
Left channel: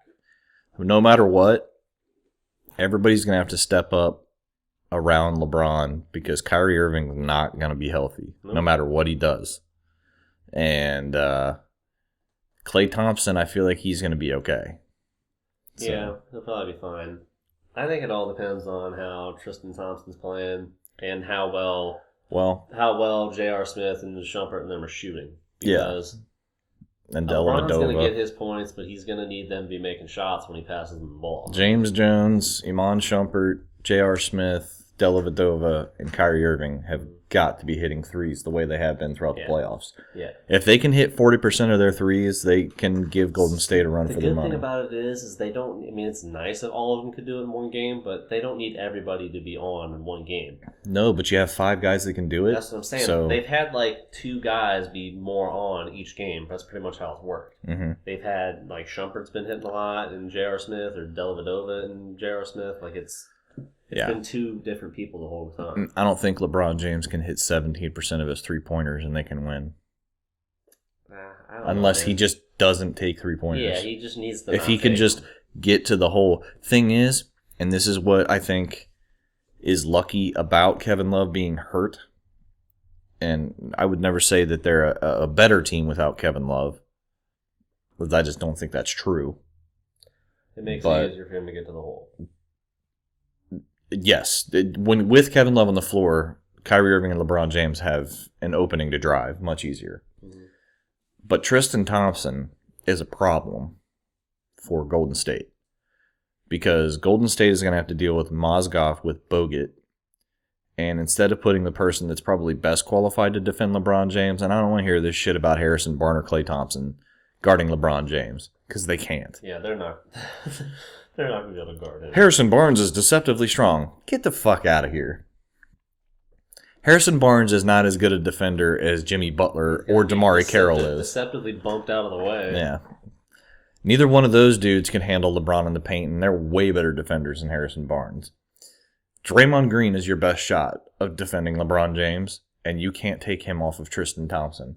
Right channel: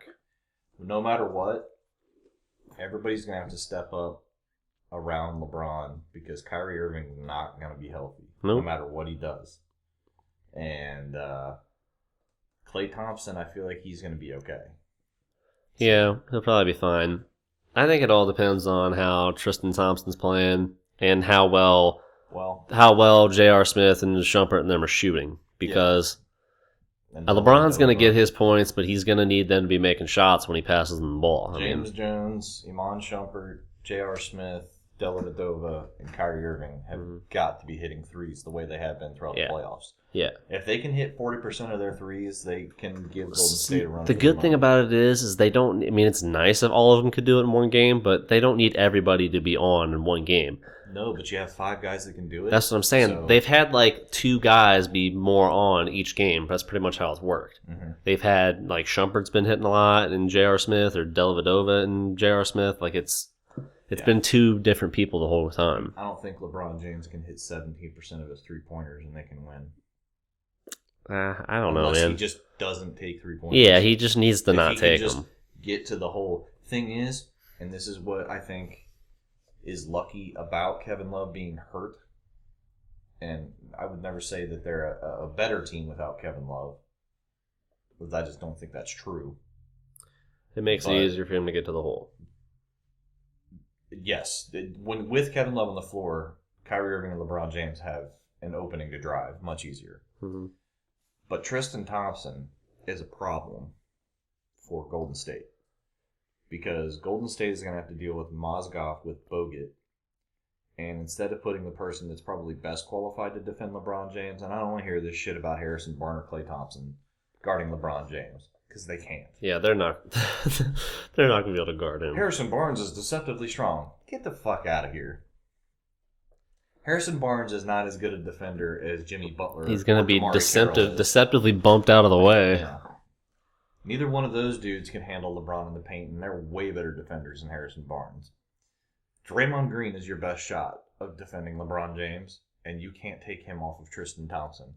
No matter what, everybody's going to have to step up around LeBron because Kyrie Irving's not going to be healthy no matter what he does. And Klay Thompson, I feel like he's going to be okay. So. Yeah, he'll probably be fine. I think it all depends on how Tristan Thompson's playing and how well J.R. Smith and Shumpert and them are shooting because LeBron's going to get his points, but he's going to need them to be making shots when he passes them the ball. James Jones, Iman Shumpert, J.R. Smith, Dellavedova, and Kyrie Irving have got to be hitting threes the way they have been throughout the playoffs. Yeah. If they can hit 40% of their threes, they can give Golden State a run for the good thing about it is they don't, I mean, it's nice if all of them could do it in one game, but they don't need everybody to be on in one game. No, but you have 5 guys that can do it. That's what I'm saying. So... They've had like 2 guys be more on each game. That's pretty much how it's worked. Mm-hmm. They've had like Shumpert's been hitting a lot and J.R. Smith or Dellavedova and J.R. Smith. Like it's been 2 different people the whole time. I don't think LeBron James can hit 17% of his 3-pointers and they can win. I don't know. Unless he just doesn't take 3-pointers. Yeah, he just needs to not take them. If he can just get to the whole thing is, and this is what I think is lucky about Kevin Love being hurt, and I would never say that they're a better team without Kevin Love, because I just don't think that's true. It makes it easier for him to get to the hole. Yes. When with Kevin Love on the floor, Kyrie Irving and LeBron James have an opening to drive much easier. Mm-hmm. But Tristan Thompson is a problem for Golden State because Golden State is going to have to deal with Mozgov with Bogut. And instead of putting the person that's probably best qualified to defend LeBron James, and I don't want to hear this shit about Harrison Barnes or Klay Thompson guarding LeBron James. Because they can't. Yeah, they're not. They're not going to be able to guard him. Harrison Barnes is deceptively strong. Get the fuck out of here. Harrison Barnes is not as good a defender as Jimmy Butler or Damari Carroll is. Deceptively bumped out of the way. Yeah. Neither one of those dudes can handle LeBron in the paint, and they're way better defenders than Harrison Barnes. Draymond Green is your best shot of defending LeBron James, and you can't take him off of Tristan Thompson.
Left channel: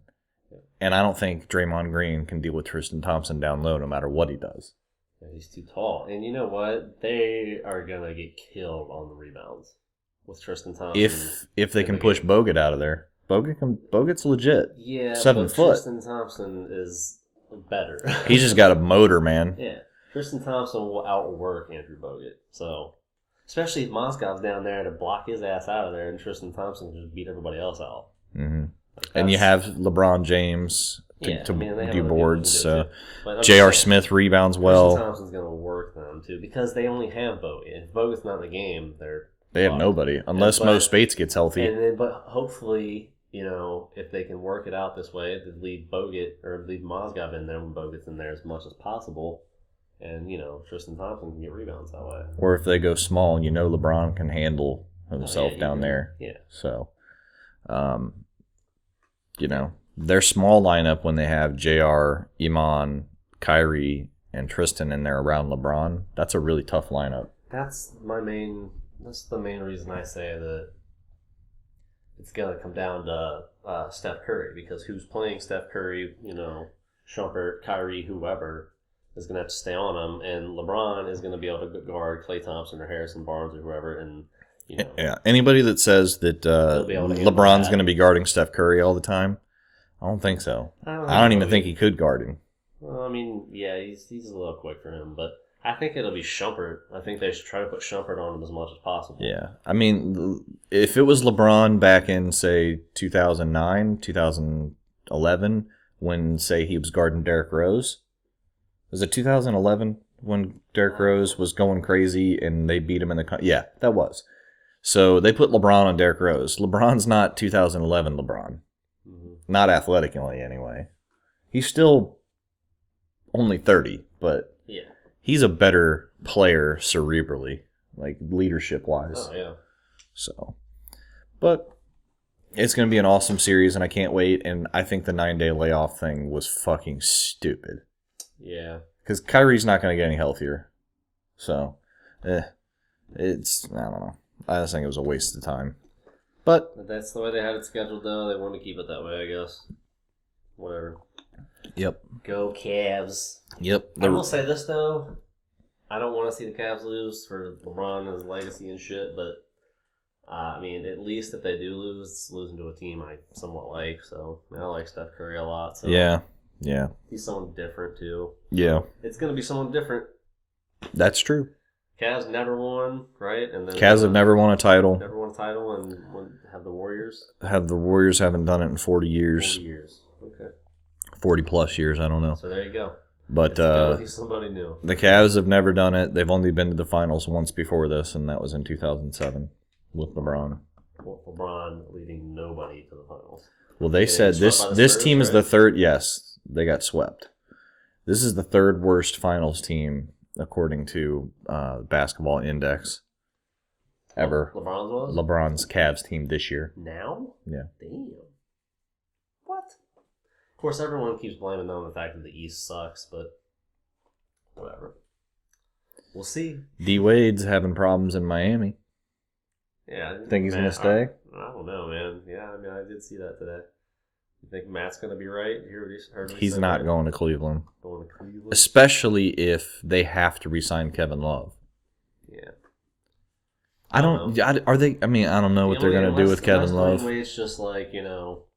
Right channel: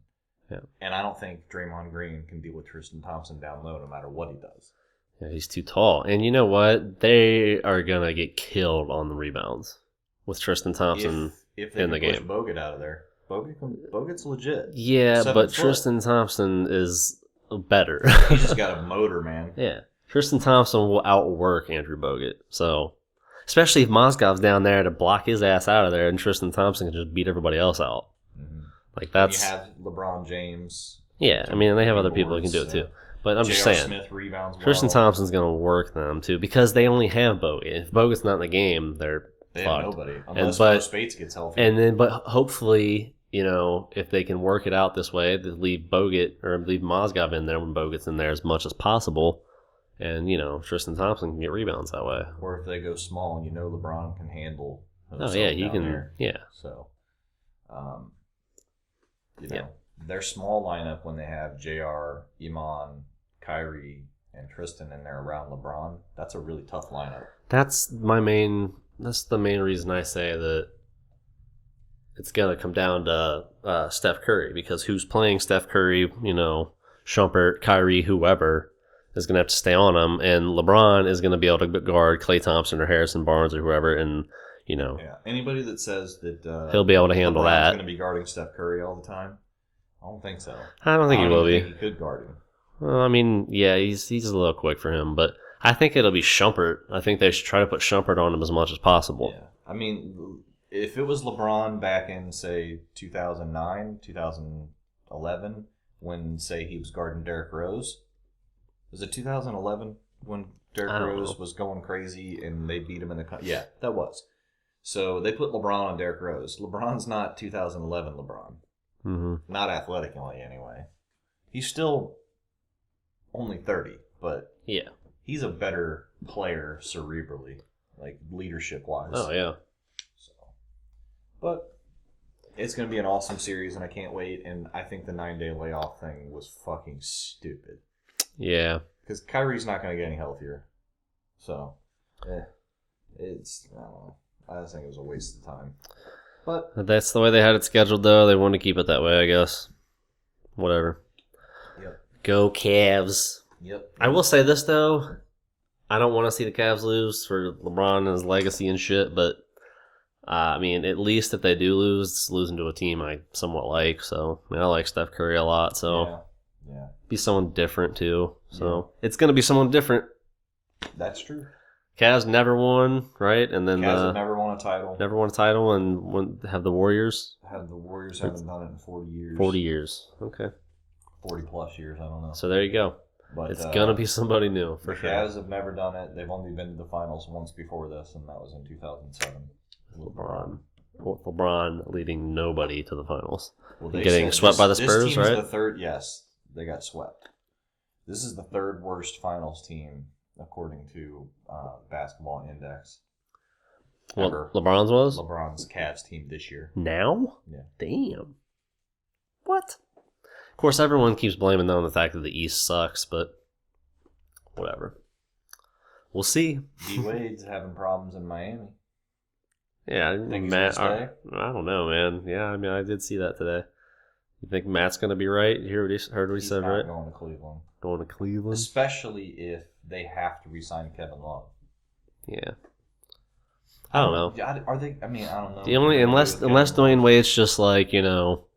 Yeah. And I don't think Draymond Green can deal with Tristan Thompson down low no matter what he does. Yeah, he's too tall. And you know what? They are going to get killed on the rebounds with Tristan Thompson. If they can push Bogut out of there. Bogut's legit. Yeah, but Tristan Thompson is better. He's just got a motor, man. Yeah. Tristan Thompson will outwork Andrew Bogut. So, especially if Mozgov's down there to block his ass out of there and Tristan Thompson can just beat everybody else out. Mm-hmm. And you have LeBron James. Yeah, I mean, they have other people who can do it too. But J.R. Smith rebounds well. Tristan Thompson's going to work them too because they only have Bogut. If Bogut's not in the game, they have nobody unless Mo Spates gets healthy. But hopefully, if they can work it out this way, they leave Bogut or leave Mozgov in there when Bogut's in there as much as possible, and Tristan Thompson can get rebounds that way. Or if they go small, LeBron can handle himself down there. Yeah. So, their small lineup when they have JR, Iman, Kyrie, and Tristan in there around LeBron, that's a really tough lineup. That's the main reason I say that it's gonna come down to Steph Curry, because who's playing Steph Curry? Shumpert, Kyrie, whoever is gonna have to stay on him, and LeBron is gonna be able to guard Klay Thompson or Harrison Barnes or whoever, and Yeah, anybody that says that he'll be able to handle LeBron's that. going to be guarding Steph Curry all the time, I don't think so. I don't even think he could guard him. Well, I mean, yeah, he's a little quick for him, but I think it'll be Shumpert. I think they should try to put Shumpert on him as much as possible. Yeah, I mean, if it was LeBron back in, say, 2009, 2011, when, say, he was guarding Derrick Rose, was it 2011 when Derrick Rose was going crazy and they beat him in the... Yeah, that was. So they put LeBron on Derrick Rose. LeBron's not 2011 LeBron. Mm-hmm. Not athletically, anyway. He's still only 30, but yeah, he's a better player cerebrally, like leadership-wise. Oh, yeah. So, but it's going to be an awesome series, and I can't wait. And I think the 9-day layoff thing was fucking stupid. Yeah. Because Kyrie's not going to get any healthier. So, I don't know. I just think it was a waste of time. But that's the way they had it scheduled, though. They wanted to keep it that way, I guess. Whatever. Yep. Go Cavs. Yep. I will say this, though. I don't want to see the Cavs lose for LeBron and his legacy and shit, but I mean, at least if they do lose, it's losing to a team I somewhat like. So, I mean, I like Steph Curry a lot. So yeah. Be someone different, too. So, yeah. It's going to be someone different. That's true. Cavs never won, right? And then Cavs have never won a title. Never won a title, and have the Warriors. The Warriors haven't done it in 40 years. 40 years. Okay. 40 plus years, I don't know. So there you go. But it's gonna be somebody new. The Cavs have never done it. They've only been to the finals once before this, and that was in 2007 with LeBron. LeBron leading nobody to the finals. Well, they said this team is the third. Yes, they got swept. This is the third worst finals team according to Basketball Index ever. LeBron's was? LeBron's Cavs team this year. Now? Yeah. Damn. What? Of course, everyone keeps blaming them on the fact that the East sucks, but whatever. We'll see. D Wade's having problems in Miami. Yeah. Think he's going to stay? I don't know, man. Yeah, I mean, I did see that today. You think Matt's going to be right? You heard what he He's said, not right? going to Cleveland. Going to Cleveland? Especially if they have to re-sign Kevin Love. Yeah. I don't know. Are they? I mean, I don't know what they're going to do with Kevin unless Love. Dwayne Wade's just like, I'll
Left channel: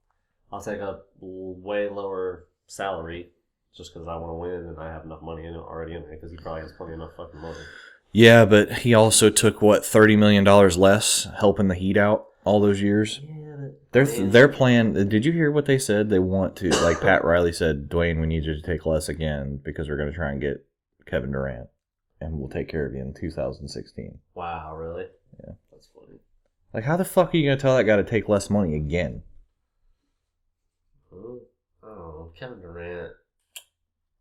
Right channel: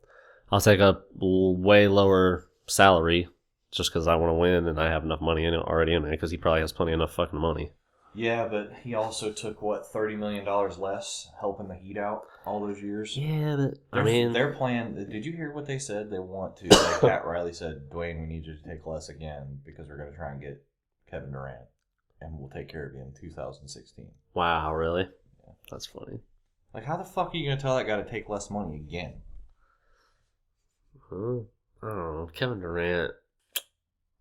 take a way lower salary just because I want to win and I have enough money already in there, because he probably has plenty enough fucking money. Yeah, but he also took, $30 million less helping the Heat out all those years? Yeah, but their plan, did you hear what they said? They want to, like Pat Riley said, Dwayne, we need you to take less again because we're going to try and get Kevin Durant, and we'll take care of you in 2016. Wow, really? Yeah. That's funny. Like, how the fuck are you going to tell that guy to take less money again? I don't know. Kevin Durant.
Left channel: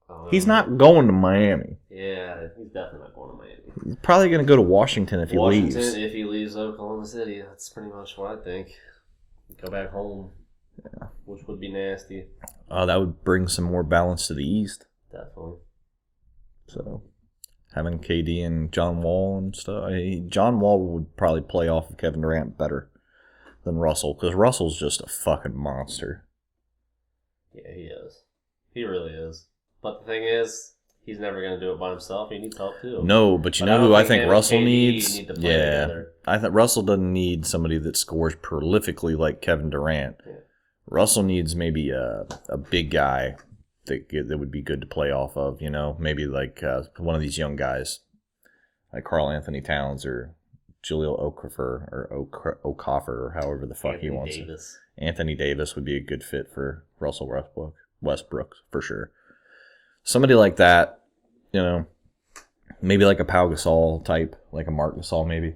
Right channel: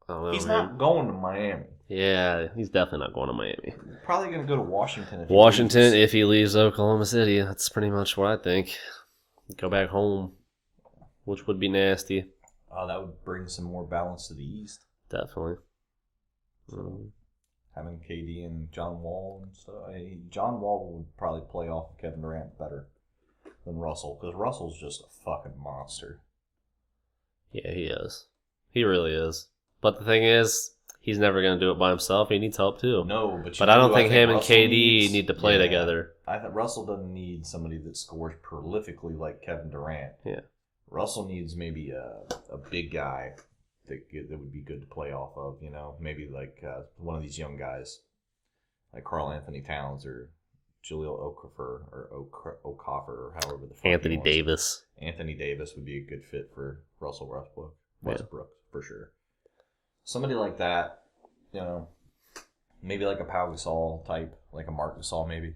I don't know, He's man. not going to Miami. Yeah, he's definitely not going to Miami. He's probably going to go to Washington if he leaves. If he leaves Oklahoma City, that's pretty much what I think. Go back home, which would be nasty. Oh, that would bring some more balance to the East. Definitely. So, having KD and John Wall and stuff. John Wall would probably play off of Kevin Durant better than Russell, because Russell's just a fucking monster. Yeah, he is. He really is. But the thing is, he's never going to do it by himself. He needs help too. No, but you know who I think Russell needs? Need to play together. I think Russell doesn't need somebody that scores prolifically like Kevin Durant. Yeah. Russell needs maybe a big guy that would be good to play off of. Maybe like one of these young guys, like Karl Anthony Towns or Jahlil Okafor or however the fuck Anthony Davis. Anthony Davis would be a good fit for Russell Westbrook for sure. Somebody like that, maybe like a Pau Gasol type, like a Marc Gasol maybe.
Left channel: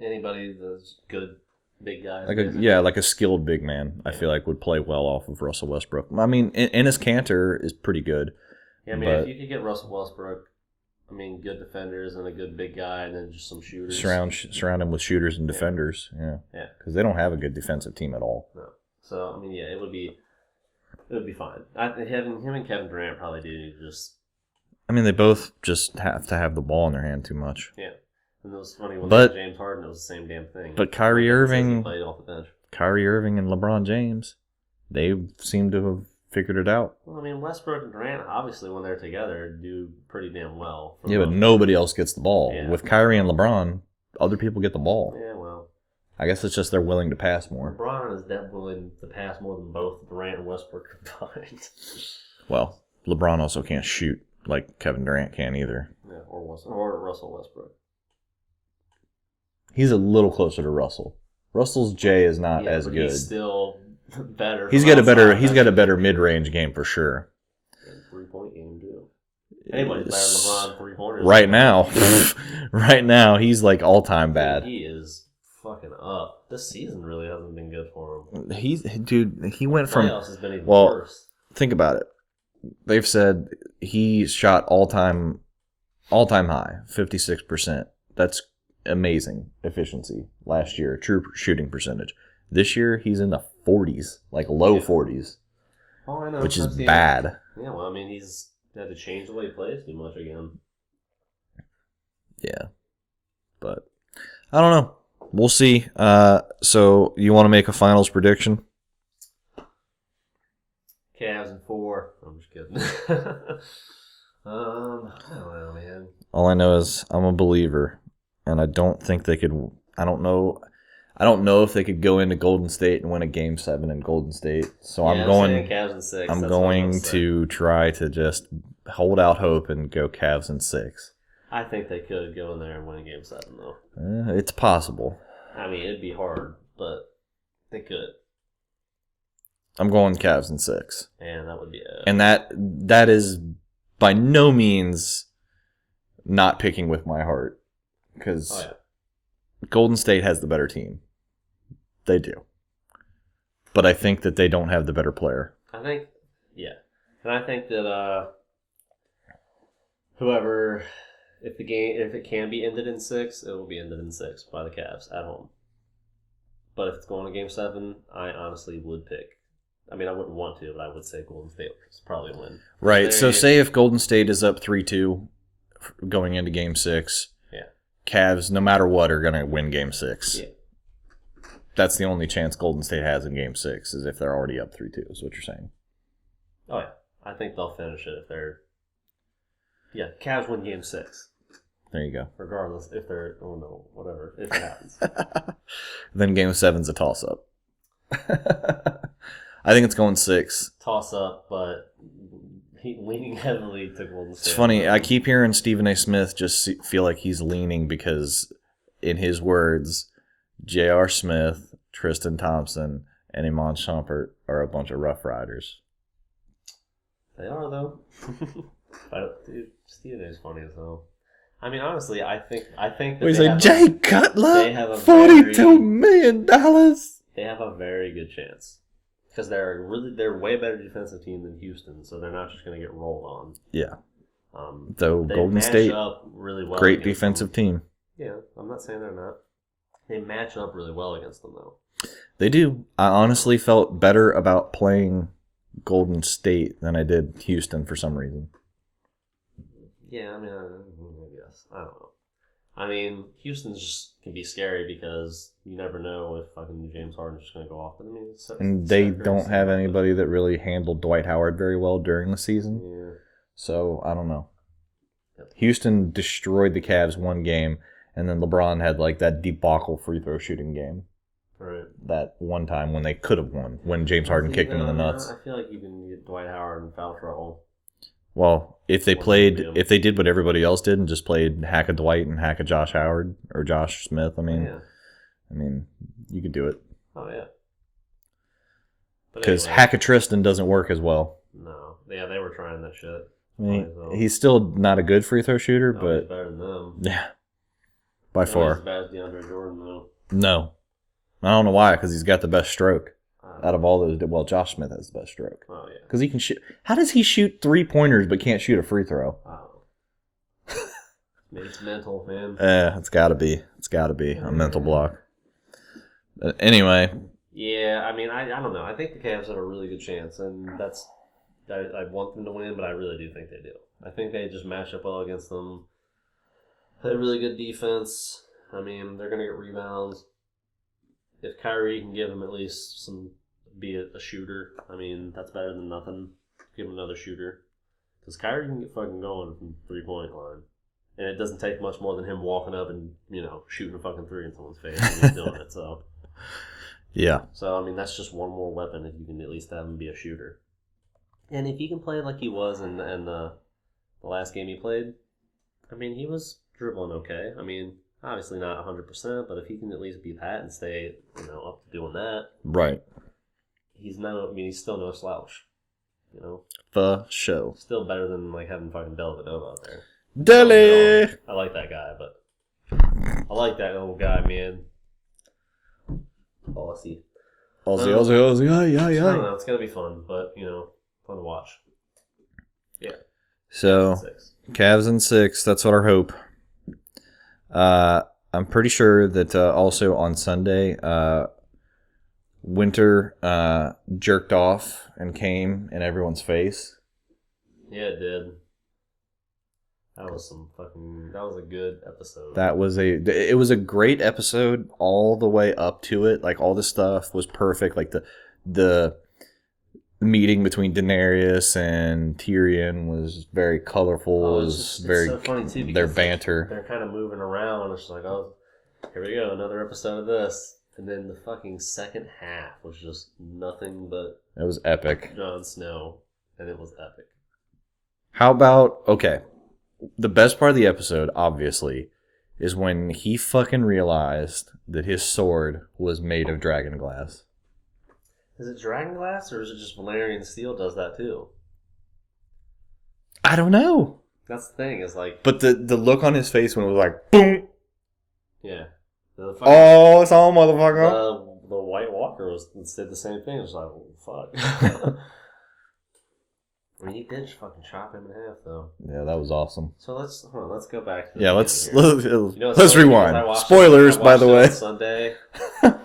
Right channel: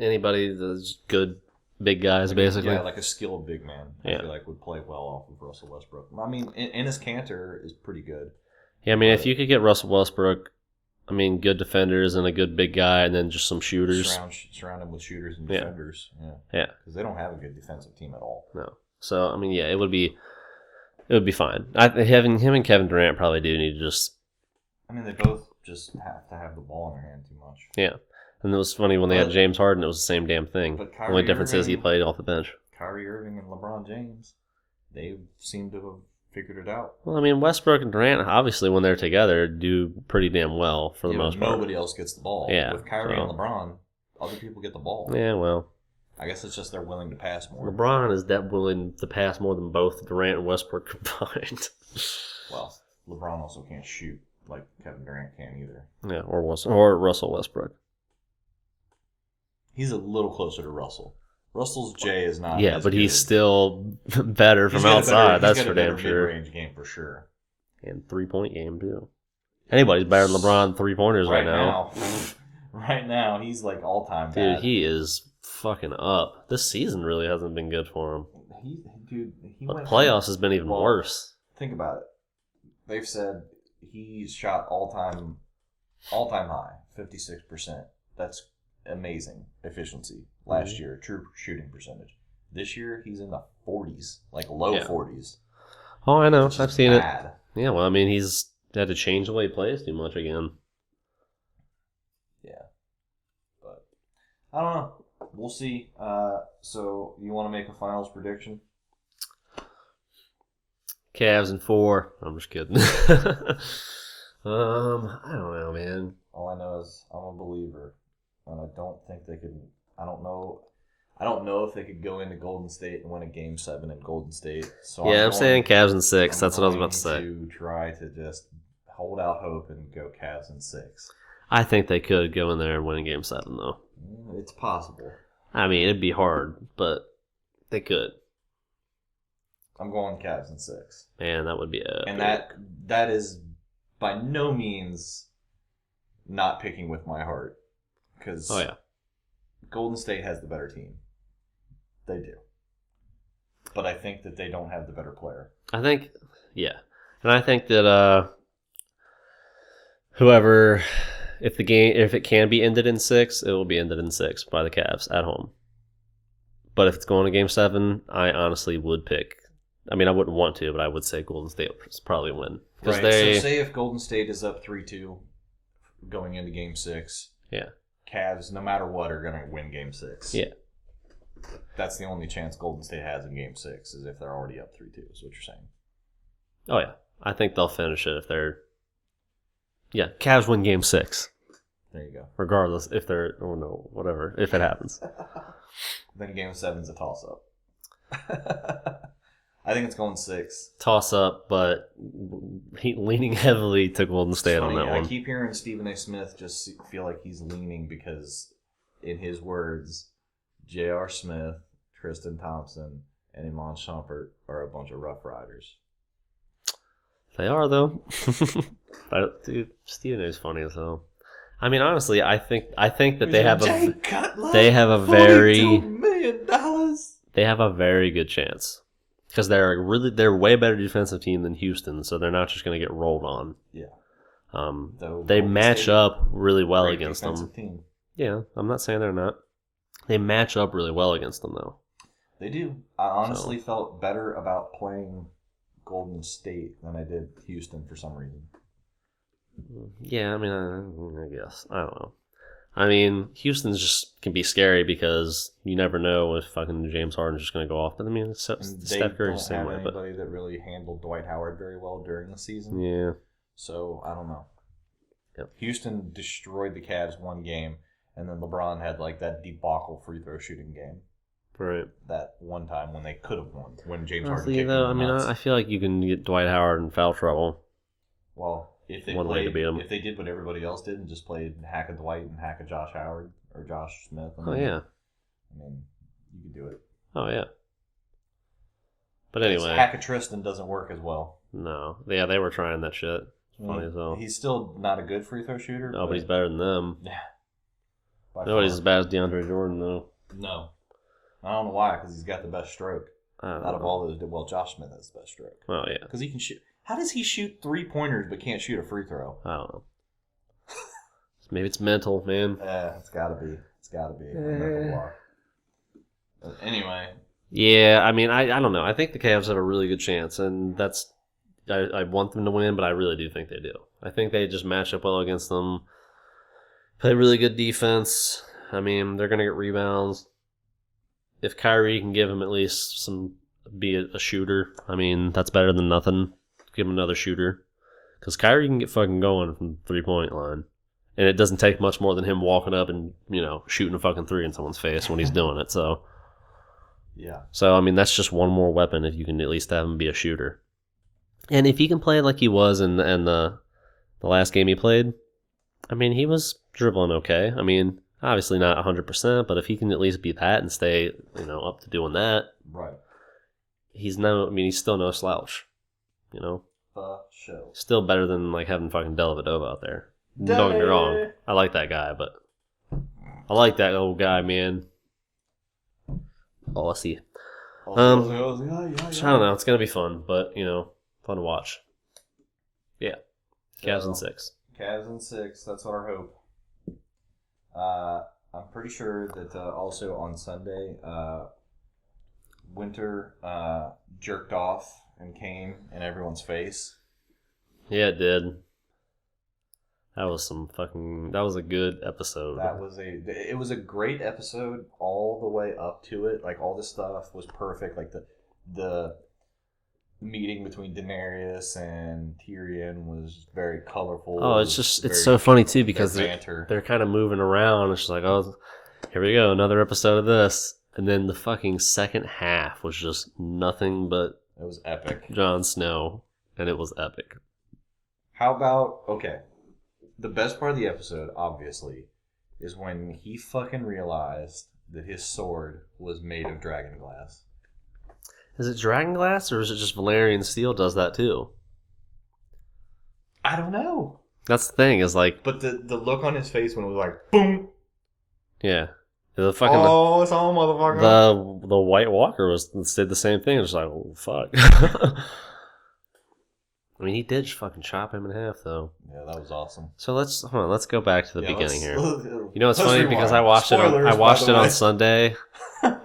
Anybody that's good big guys, like basically. like a skilled big man, I feel like would play well off of Russell Westbrook. I mean, Enes Kanter is pretty good. Yeah, I mean, if you could get Russell Westbrook, good defenders and a good big guy, and then just some shooters. Surround him with shooters and defenders. Yeah. Because they don't have a good defensive team at all. No. So, it would be fine. Him and Kevin Durant probably do need to just... they both just have to have the ball in their hand too much. Yeah. And it was funny when they had James Harden, it was the same damn thing. But Kyrie Only difference is he Irving, played off the bench. Kyrie Irving and LeBron James, they seem to have figured it out. Well, I mean, Westbrook and Durant, obviously, when they're together, do pretty damn well. For the Yeah, most but part. nobody else gets the ball. Yeah, With Kyrie and LeBron, other people get the ball. Yeah, well. I guess it's just they're willing to pass more. LeBron is that willing to pass more than both Durant and Westbrook combined. Well, LeBron also can't shoot like Kevin Durant can either. Yeah, or Russell Westbrook. He's a little closer to Russell. Russell's J is not as good. He's still better. He's got a better mid-range game for sure. And 3-point game too. Anybody's better than LeBron 3-pointers right now. Right now, he's like all-time bad. Dude, he is fucking up. This season really hasn't been good for him. He went from playoffs has been even worse. Think about it. They've said he shot all-time high, 56%. That's amazing efficiency last year, true shooting percentage. This year, he's in the 40s, like low 40s. Oh, I know. Which is bad. Yeah, well, I mean, he's had to change the way he plays too much again. Yeah. But I don't know. We'll see. So you want to make a finals prediction? Cavs in 4. I'm just kidding. I don't know, man. All I know is I'm a believer, and I don't think they could. I don't know if they could go into Golden State and win a Game 7 in Golden State. So I'm saying Cavs in 6. That's what I was about to say. I'm going to try to just hold out hope and go Cavs in 6. I think they could go in there and win a Game 7, though. It's possible. I mean, it'd be hard, but they could. I'm going Cavs in 6. Man, that would be a... And that is by no means not picking with my heart. Because Golden State has the better team. They do. But I think that they don't have the better player. I think, yeah. And I think that whoever... If it can be ended in 6, it will be ended in 6 by the Cavs at home. But if it's going to Game 7, I honestly would pick. I mean, I wouldn't want to, but I would say Golden State will probably win. Right. So say if Golden State is up 3-2 going into Game 6, Cavs, no matter what, are going to win Game 6. Yeah. That's the only chance Golden State has in Game 6 is if they're already up 3-2, is what you're saying. Oh, yeah. I think they'll finish it if they're... Yeah, Cavs win Game 6. There you go. Regardless if they're... Oh, no. Whatever. If it happens. Then Game 7's a toss-up. I think it's going 6. Toss-up, but leaning heavily to Golden State. It's funny. I keep hearing Stephen A. Smith just feel like he's leaning because, in his words, J.R. Smith, Tristan Thompson, and Iman Shumpert are a bunch of Rough Riders. They are, though. Dude, Stephen A. is funny as hell. I mean, honestly, I think that they have Jay Cutler. They have a very $42 million. They have a very good chance because they're a way better defensive team than Houston, so they're not just going to get rolled on. Yeah. Though they match up really well. Great against defensive team. Yeah, I'm not saying they're not. They match up really well against them, though. They do. I honestly felt better about playing Golden State than I did Houston for some reason. Yeah, I mean, I guess. I don't know. I mean, Houston's just can be scary because you never know if fucking James Harden's just going to go off. But I mean, and they don't have anybody that really handled Dwight Howard very well during the season. Yeah. So, I don't know. Yep. Houston destroyed the Cavs one game, and then LeBron had like that debacle free throw shooting game. Right. That one time when they could have won, when James Harden kicked them in the nuts. I feel like you can get Dwight Howard in foul trouble. Well, if they did what everybody else did and just played hack a Dwight and hack a Josh Howard or Josh Smith, I mean, you could do it. Oh yeah. But because hack a Tristan doesn't work as well. No, yeah, they were trying that shit. He's still not a good free throw shooter, but he's better than them. Yeah, by far. He's as bad as DeAndre Jordan, though. No, I don't know why. Because he's got the best stroke. Out of all those, well, Josh Smith has the best stroke. Oh, yeah. Because he can shoot. How does he shoot 3-pointers but can't shoot a free throw? I don't know. Maybe it's mental, man. It's got to be. It's got to be a mental block. Anyway. Yeah, I mean, I don't know. I think the Cavs have a really good chance, and that's... I want them to win, but I really do think they do. I think they just match up well against them. Play really good defense. I mean, they're gonna get rebounds. If Kyrie can give him at least be a shooter, I mean, that's better than nothing. Give him another shooter. Because Kyrie can get fucking going from 3-point line. And it doesn't take much more than him walking up and, shooting a fucking 3 in someone's face when he's doing it. So, Yeah. I mean, that's just one more weapon if you can at least have him be a shooter. And if he can play like he was in the last game he played, I mean, he was dribbling okay. I mean, obviously not 100%, but if he can at least be that and stay, up to doing that. Right. He's still no slouch. For sure. Still better than like having fucking Dellavedova out there. Dele! I like that guy, but I like that old guy, man. Aussie. Aussie. I don't know. It's gonna be fun, but fun to watch. Yeah. So Cavs in 6. That's what our hope. I'm pretty sure that also on Sunday, Winter jerked off and came in everyone's face. Yeah, it did. That was a good episode. It was a great episode all the way up to it. Like, all this stuff was perfect. Like, the meeting between Daenerys and Tyrion was very colorful. Oh, it's so funny too because their banter. They're kind of moving around. It's just like, oh, here we go, another episode of this. And then the fucking second half was just nothing but it was epic. Jon Snow, and it was epic. How about, okay, the best part of the episode, obviously, is when he fucking realized that his sword was made of dragon glass. Is it dragon glass, or is it just Valyrian steel does that too? I don't know. That's the thing, is like... But the look on his face when it was like, boom! Yeah. It's all motherfucker. The White Walker did the same thing. It was like, oh, fuck. I mean, he did fucking chop him in half, though. Yeah, that was awesome. So let's go back to the beginning here. Let's rewind. I watched Spoilers, by the way. On Sunday.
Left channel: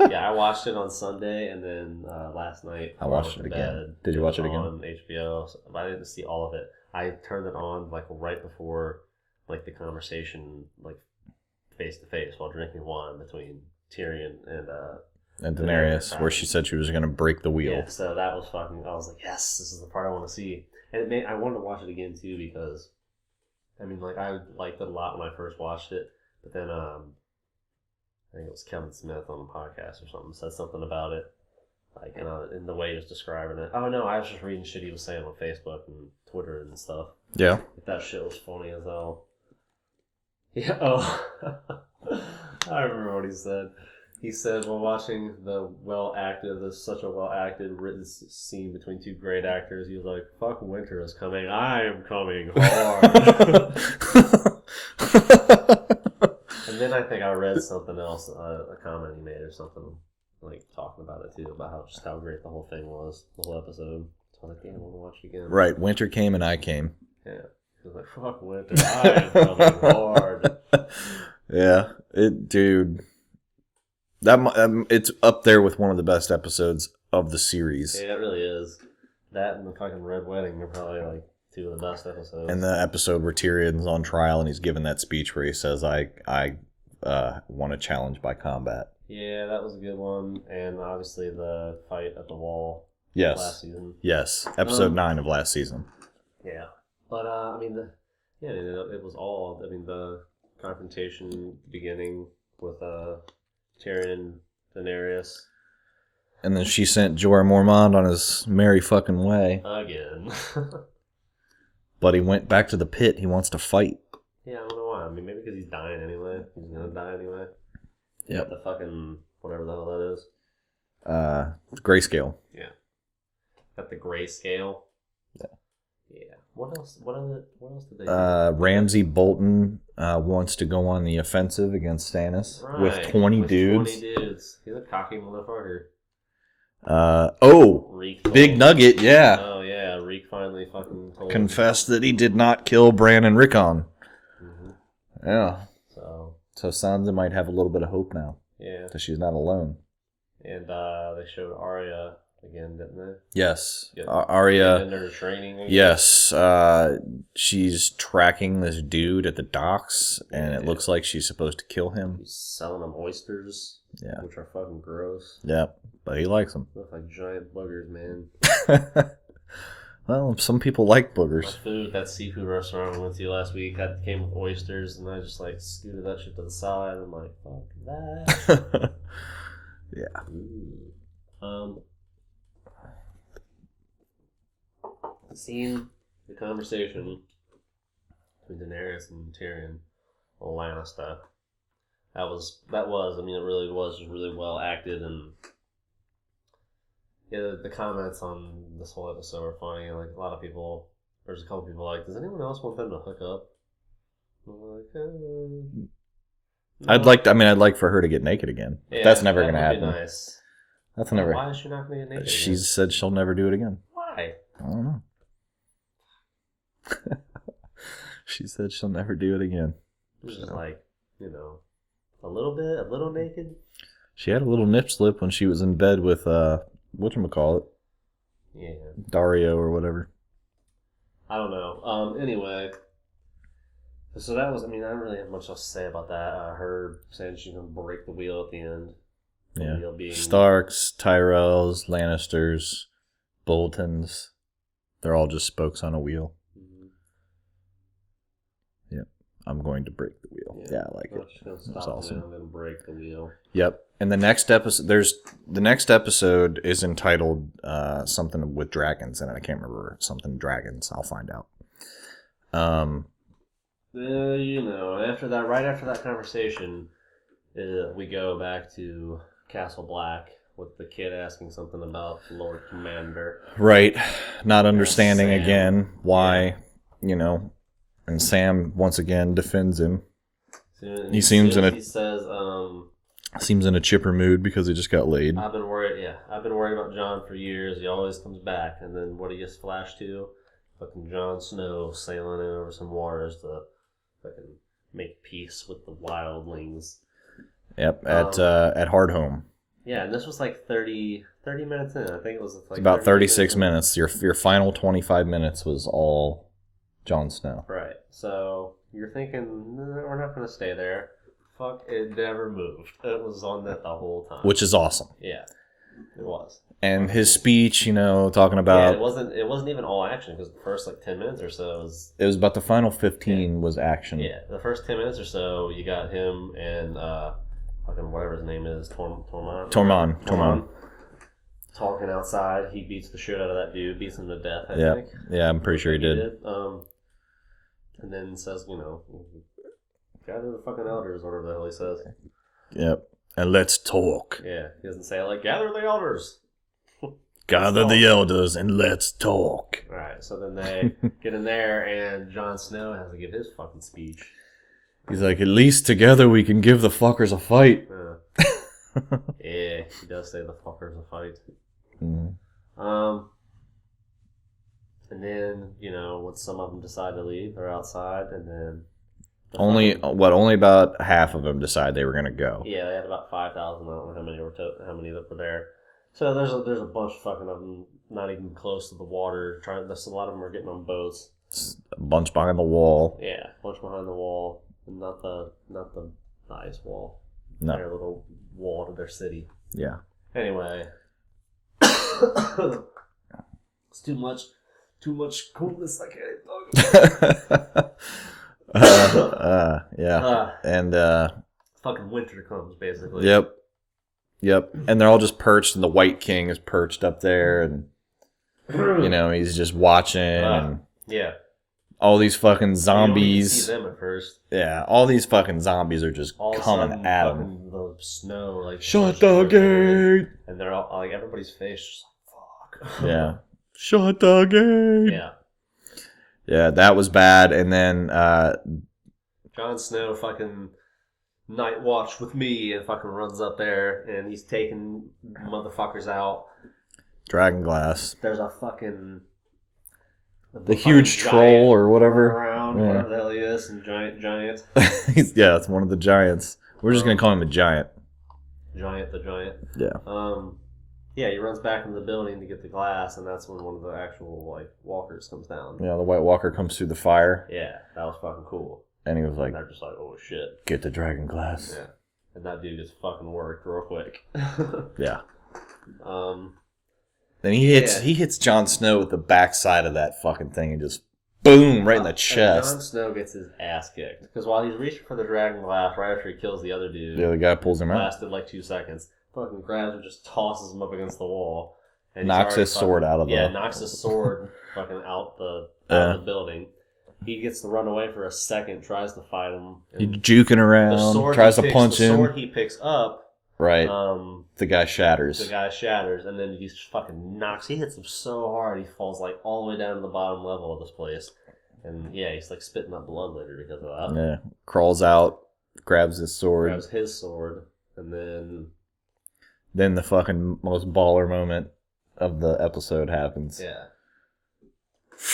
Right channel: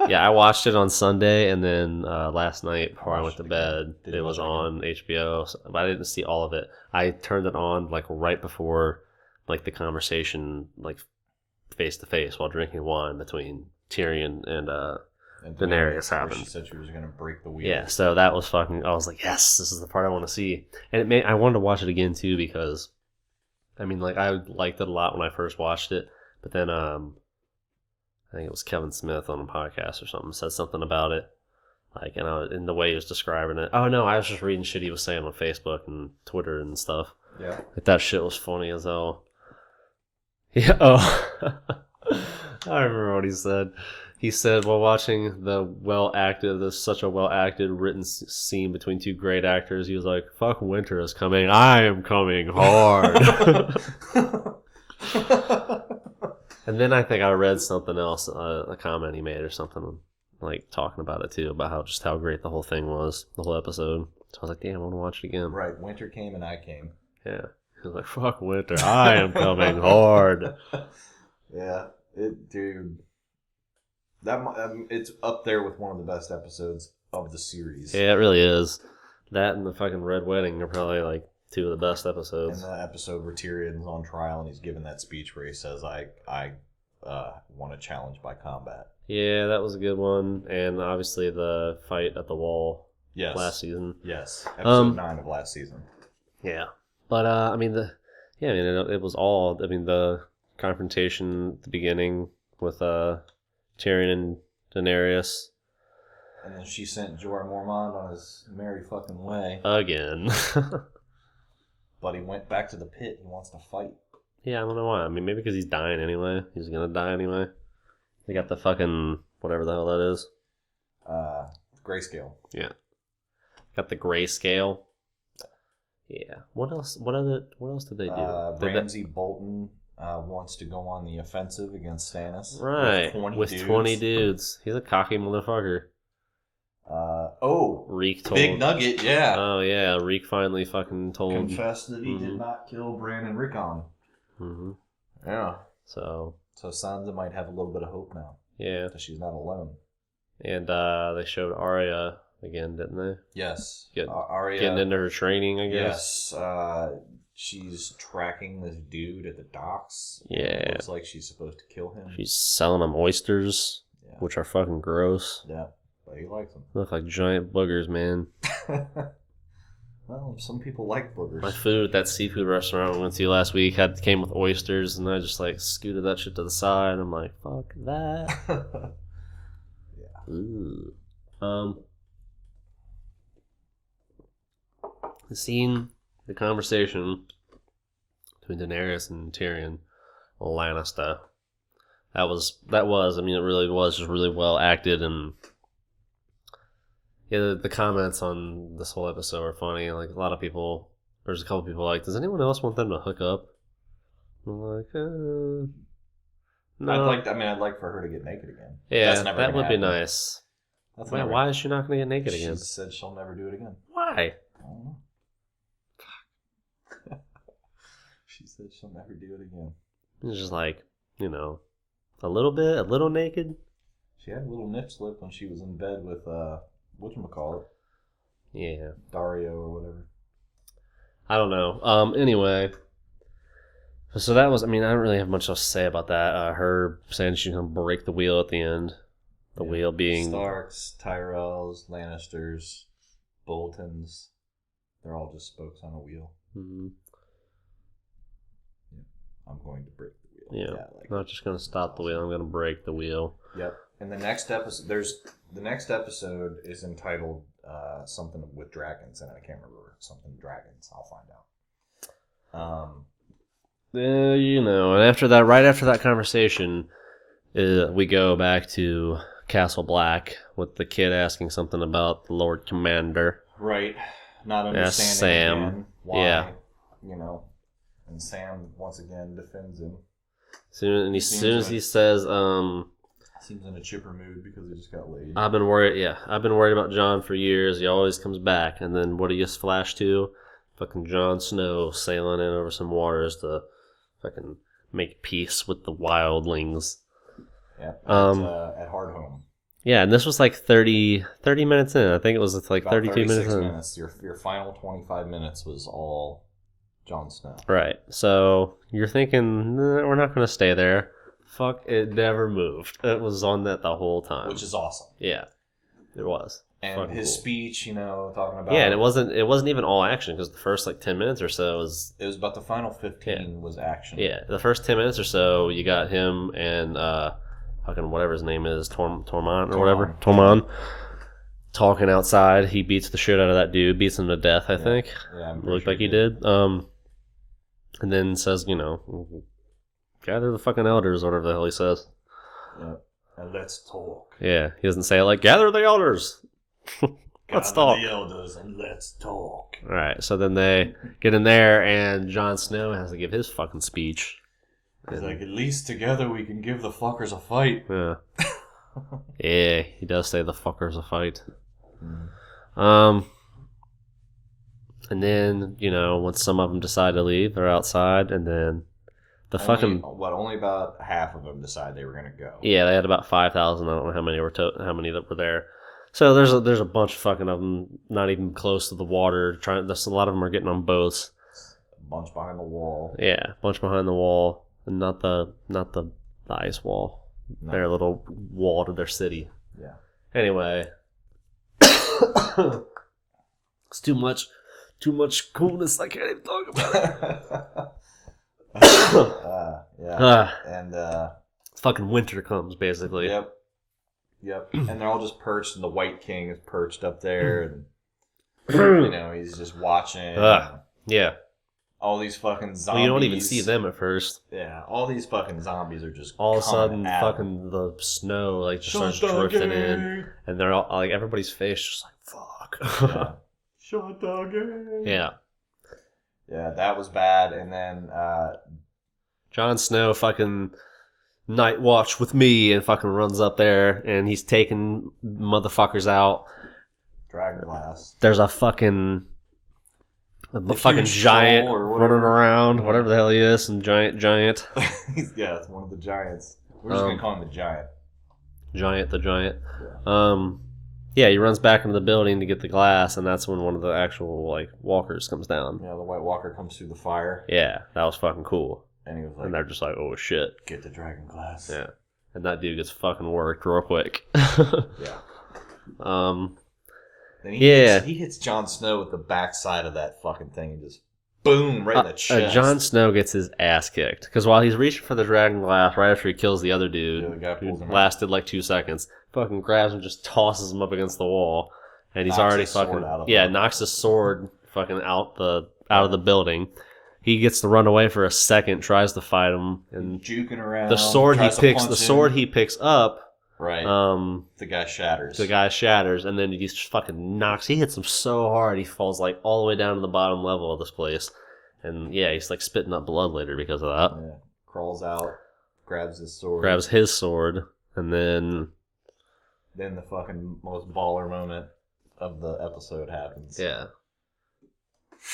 Yeah, I watched it on Sunday, and then last night before I went to bed, it was on HBO. But I didn't see all of it. I turned it on like right before like the conversation, like face to face while drinking wine between Tyrion and Daenerys, where she said she was going to break the wheel. Yeah, so that was fucking... I was like, yes, this is the part I want to see. And I wanted to watch it again, too, because, I mean, like, I liked it a lot when I first watched it, but then, I think it was Kevin Smith on a podcast or something, said something about it, like, and the way he was describing it. Oh, no, I was just reading shit he was saying on Facebook and Twitter and stuff. Yeah. Like, that shit was funny as hell. Yeah, oh. I remember what he said. He said, while watching such a well-acted written scene between two great actors, he was like, fuck, winter is coming. I am coming hard. And then I think I read something else, a comment he made or something, like talking about it too, about how great the whole thing was, the whole episode. So I was like, damn, I want to watch it again. Right, winter came and I came. Yeah. He was like, fuck winter, I am coming hard. Yeah, dude. It's up there with one of the best episodes of the series. Yeah, it really is. That and the fucking Red Wedding are probably like two of the best episodes. And the episode where Tyrion's on trial and he's giving that speech where he says, I want to challenge by combat. Yeah, that was a good one. And obviously the fight at the wall last season. Yes, episode 9 of last season. Yeah. But, it was all, the confrontation at the beginning with Tyrion and Daenerys. And then she sent Jorah Mormont on his merry fucking way. Again. But he went back to the pit. He wants to fight. Yeah, I don't know why. I mean, maybe because he's dying anyway. He's going to die anyway. He got the fucking, whatever the hell that is. Grayscale. Yeah. Got the grayscale. Yeah. What else did they do? Ramsay Bolton wants to go on the offensive against Stannis with 20 dudes. With 20 dudes. He's a cocky motherfucker. Reek Big Nugget, yeah. Oh, yeah. Reek finally fucking confessed that he did not kill Bran and Rickon. Mm-hmm. Yeah. So Sansa might have a little bit of hope now. Yeah. Because she's not alone. And they showed Arya again, didn't they? Yes. Get- Arya. Getting into her training, I guess. Yes. She's tracking this dude at the docks, and it Yeah. looks like she's supposed to kill him. She's selling them oysters, Yeah. which are fucking gross. Yeah, but he likes them. Look like giant boogers, man. Well, some people like My boogers. food, that seafood restaurant we went to last week, came with oysters, and I just like scooted that shit to the side. I'm like, fuck that. Yeah. Ooh. Seeing the conversation between Daenerys and Tyrion Lannister, that was. I mean, it really was just really well acted, and yeah, the comments on this whole episode are funny. Like a lot of people, there's a couple people like, does anyone else want them to hook up? I'm like, no. I'd like for her to get naked again. Yeah, That's never gonna happen. That would be nice. That's Wait, never. why is she not gonna get naked She again? said she'll never do it again. Why? I don't know. She said she'll never do it again. It's just like, a little naked. She had a little nip slip when she was in bed with whatchamacallit, Yeah. Dario or whatever. I don't know. Anyway. So that was, I don't really have much else to say about that. Her saying she's going to break the wheel at the end. The Yeah. wheel being... Starks, Tyrells, Lannisters, Boltons. They're all just spokes on a wheel. Mhm. Yep. I'm going to break the wheel. Yeah. I like I'm not it. just going to That's stop the awesome. wheel. I'm going to break the wheel. Yep. And the next episode is entitled something with dragons in it. I can't remember. Something dragons. I'll find out. And after that, right after that conversation, we go back to Castle Black with the kid asking something about the Lord Commander. Right. Not understanding Sam. again why, and Sam once again defends him. He seems in a- He says, Seems in a chipper mood because he just got laid. I've been worried about Jon for years. He always comes back. And then what do you flash to? Fucking Jon Snow sailing in over some waters to fucking make peace with the wildlings. Yep, at Hardhome. Yeah, and this was like 30 minutes in. I think it was like About 36 in. minutes. Your final 25 minutes was all Jon Snow. Right. So you're thinking, we're not going to stay there. Fuck, it never moved. It was on that the whole time. Which is awesome. Yeah, it was. And Fucking his cool. speech, talking about... Yeah, and it wasn't even all action because the first like 10 minutes or so was... It was about the final 15 was action. Yeah, the first 10 minutes or so, you got him and fucking whatever his name is, Tormund, talking outside. He beats the shit out of that dude, beats him to death, I think. Yeah, I'm pretty Looks sure like he did. And then says, gather the fucking elders, or whatever the hell he says. Yep. And let's talk. Yeah, he doesn't say it like, gather the elders. Gather the elders and let's talk. All right, so then they get in there, and Jon Snow has to give his fucking speech. He's like, at least together we can give the fuckers a fight. Yeah. Yeah, he does say the fuckers a fight. Mm. And then, once some of them decide to leave, they're outside, and then Only about half of them decide they were going to go. Yeah, they had about 5,000. I don't know how many that were there. So there's a bunch of fucking of them not even close to the water. A lot of them are getting on boats. A bunch behind the wall. Yeah, a bunch behind the wall, and not the ice wall. No. Their little wall to their city. Yeah. Anyway, it's too much coolness. I can't even talk about it. Yeah. And fucking winter comes basically. Yep. And they're all just perched, and the White King is perched up there, and he's just watching. And Yeah. all these fucking zombies. You don't even see them at first. Yeah, all these fucking zombies are just All of a coming sudden, at 'em. fucking the snow like Shut starts the drifting in, gate. and they're all like everybody's face just like fuck. Yeah. Shut the gate. Yeah. Yeah, that was bad. And then Jon Snow fucking night watch with me and fucking runs up there and he's taking motherfuckers out. Dragonglass. There's a fucking The fucking huge giant troll or whatever. running around, Yeah. whatever the hell he is, and giant, Yeah, it's one of the giants. We're just gonna call him the giant. the giant. Yeah. Yeah, he runs back into the building to get the glass, and that's when one of the actual like walkers comes down. Yeah, the White Walker comes through the fire. Yeah, that was fucking cool. And he was like, and they're just like, oh shit. Get the dragon glass. Yeah. And that dude gets fucking worked real quick. Yeah. Then he hits Jon Snow with the backside of that fucking thing and just boom right in the chest. Jon Snow gets his ass kicked because while he's reaching for the dragon glass, right after he kills the other dude, the other guy pulls him out. Lasted like 2 seconds. Fucking grabs him, just tosses him up against the wall, and he's knocks already his sword out of the knocks his sword fucking out of the building. He gets to run away for a second, tries to fight him. He's juking around. The sword he picks up. Right. The guy shatters. And then he just fucking knocks. He hits him so hard, he falls like all the way down to the bottom level of this place. And yeah, he's like spitting up blood later because of that. Yeah. Crawls out, grabs his sword, and then the fucking most baller moment of the episode happens. Yeah.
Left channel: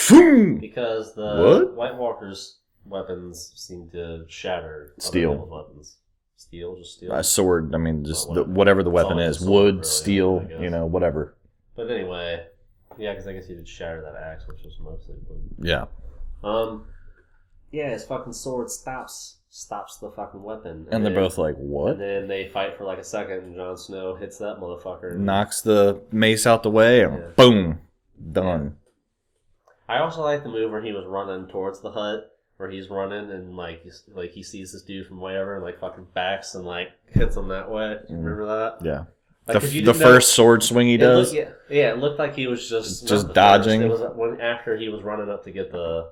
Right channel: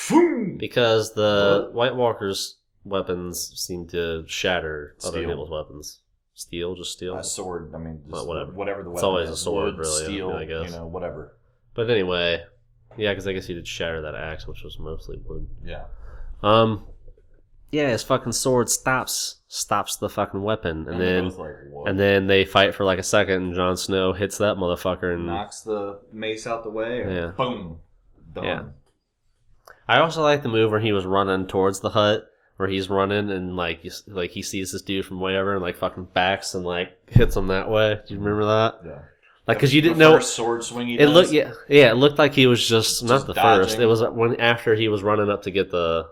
Boom! Because the White Walker's weapons seem to shatter other people's weapons. Just steel? A sword, I mean, just whatever the weapon is. Sword, wood, really, steel, whatever. But anyway, yeah, because I guess he did shatter that axe, which was mostly wood. Yeah. Yeah, his fucking sword stops the fucking weapon. And they're both like, what? And then they fight for like a second, and Jon Snow hits that motherfucker. And knocks the mace out the way, and boom. Done. Yeah. I also like the move where he was running towards the hut, where he's running and like he sees this dude from way over and like fucking backs and like hits him that way. Do you remember that? Yeah. Like because you didn't know the first sword swing he does. It looked like he was just not the dodging. First. It was after he was running up to get the.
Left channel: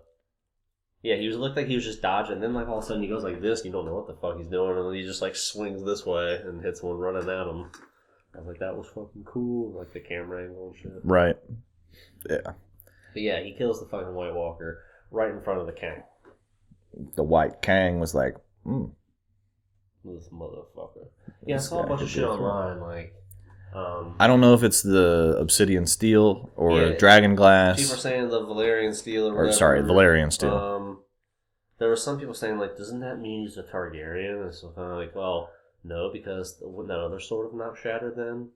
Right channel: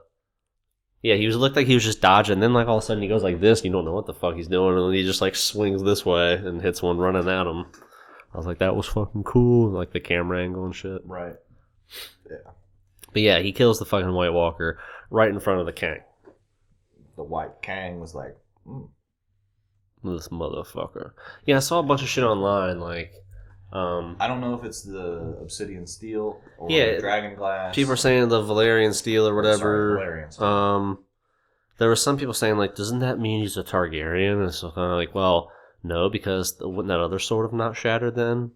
Yeah, looked like he was just dodging. Then like all of a sudden he goes like this. You don't know what the fuck he's doing, and then he just like swings this way and hits one running at him. I was like, that was fucking cool. Like the camera angle and shit. Right. Yeah. But yeah, he kills the fucking White Walker right in front of the Kang. The White Kang was like, this motherfucker. Yeah, I saw a bunch of shit online, like... I don't know if it's the Obsidian Steel or Dragon Glass. People are saying the Valerian Steel or whatever. Valerian Steel. There were some people saying, like, doesn't that mean he's a Targaryen? And so kind of like, well, no, because wouldn't that other sword have not shattered then?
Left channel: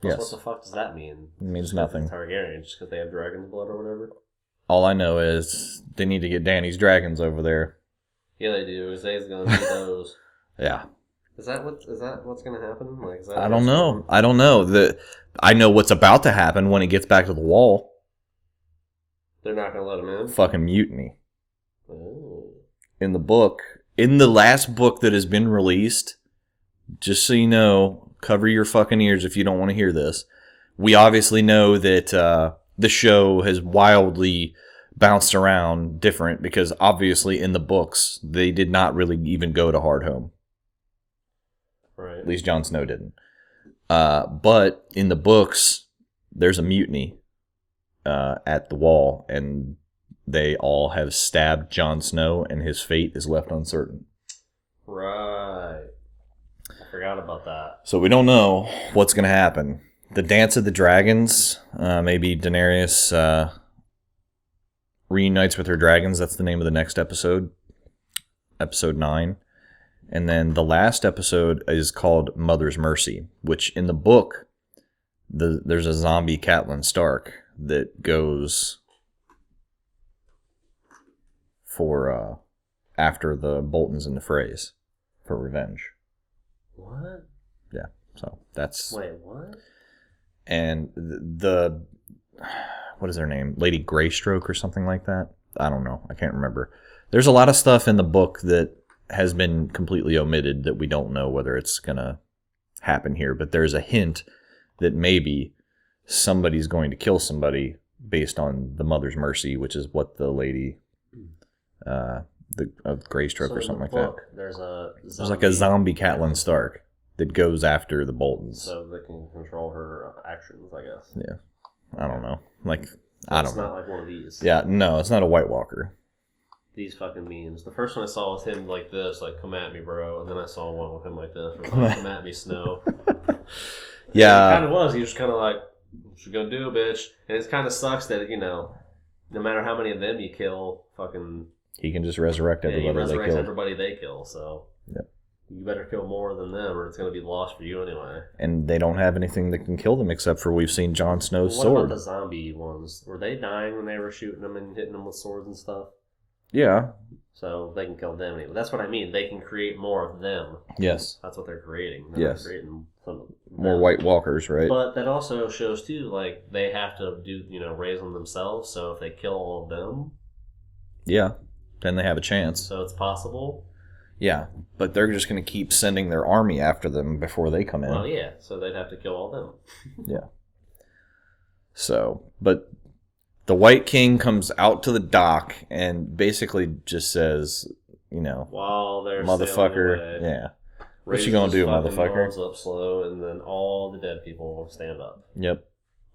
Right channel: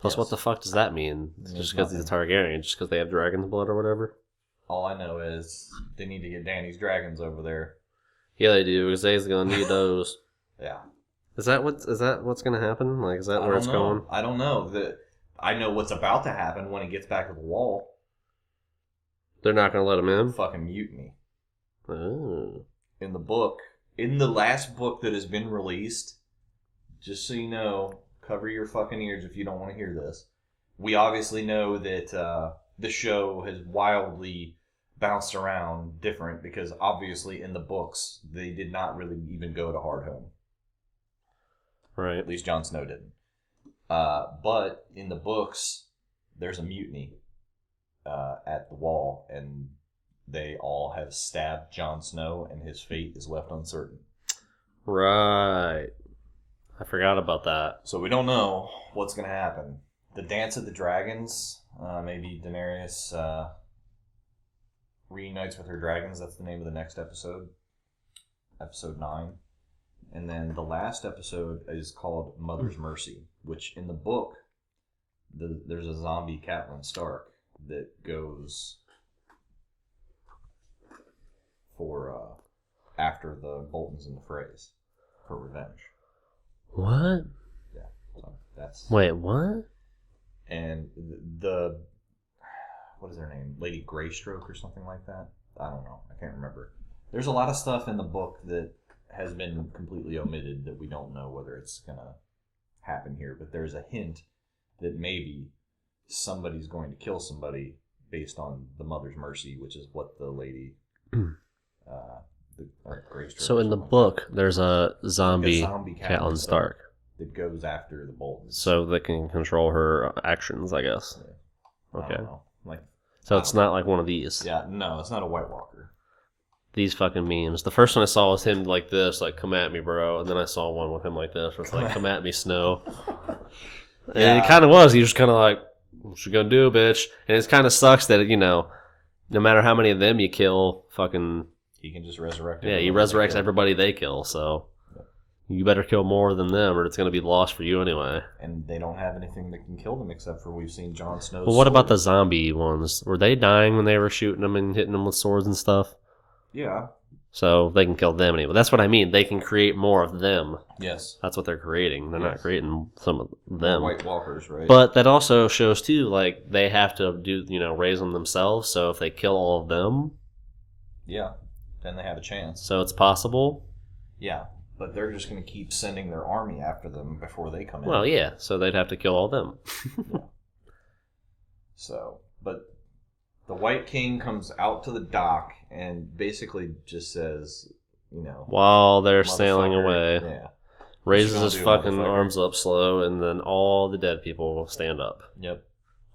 Plus, what the fuck does that mean? It means just because nothing. it's a Targaryen, just because they have dragon's blood or whatever? All I know is they need to get Danny's dragons over there. Yeah, they do, because they's gonna need those. Yeah. Is that what's gonna happen? Like, is that? I don't know. I don't know. I know what's about to happen when it gets back to the wall. They're not gonna let him in. Fucking mutiny. Oh. In the last book that has been released, just so you know, cover your fucking ears if you don't want to hear this. We obviously know that the show has wildly bounced around different because obviously in the books they did not really even go to Hardhome. Right. At least Jon Snow didn't. But in the books, there's a mutiny at the wall, and they all have stabbed Jon Snow, and his fate is left uncertain. Right. I forgot about that. So we don't know what's going to happen. The Dance of the Dragons, maybe Daenerys reunites with her dragons. That's the name of the next episode. Episode 9. And then the last episode is called Mother's Mercy, which in the book, there's a zombie Caitlyn Stark that goes for after the Boltons and the Freys for revenge. What? Yeah, so that's... Wait, what? And the what is her name? Lady Greystroke or something like that? I don't know. I can't remember. There's a lot of stuff in the book that has been completely omitted that we don't know whether it's going to happen here. But there's a hint that maybe somebody's going to kill somebody based on the Mother's Mercy, which is what the lady... the Greystroke so or something like that. So in the book, there's a zombie Caitlyn Stark that goes after the Boltons. So they can control her actions, I guess. Yeah. Okay. I don't know. So it's not like one of these. Yeah, no, it's not a White Walker. These fucking memes. The first one I saw was him like this, like, come at me, bro. And then I saw one with him like this, where it's like, come at me, Snow. Yeah. And it kind of was. He was kind of like, what you gonna do, bitch? And it kind of sucks that, no matter how many of them you kill, fucking... He can just resurrect everybody. Yeah, he resurrects everybody they kill, so... Yeah. You better kill more than them, or it's going to be lost for you anyway. And they don't have anything that can kill them except for we've seen Jon Snow's Well, what sword. about the zombie ones? Were they dying when they were shooting them and hitting them with swords and stuff? Yeah. So they can kill them anyway. That's what I mean. They can create more of them. Yes. That's what they're creating. They're Yes. not creating some of More them. White Walkers, right? But that also shows too, like they have to do, raise them themselves. So if they kill all of them, yeah. Then they have a chance. so it's possible. Yeah. But they're just going to keep sending their army after them before they come in. Well, yeah. So they'd have to kill all them. Yeah. So, but the White King comes out to the dock and basically just says, While they're sailing motherfucker. away, Yeah. raises gonna his do, fucking motherfucker? arms up slow, and then all the dead people will stand up. Yep.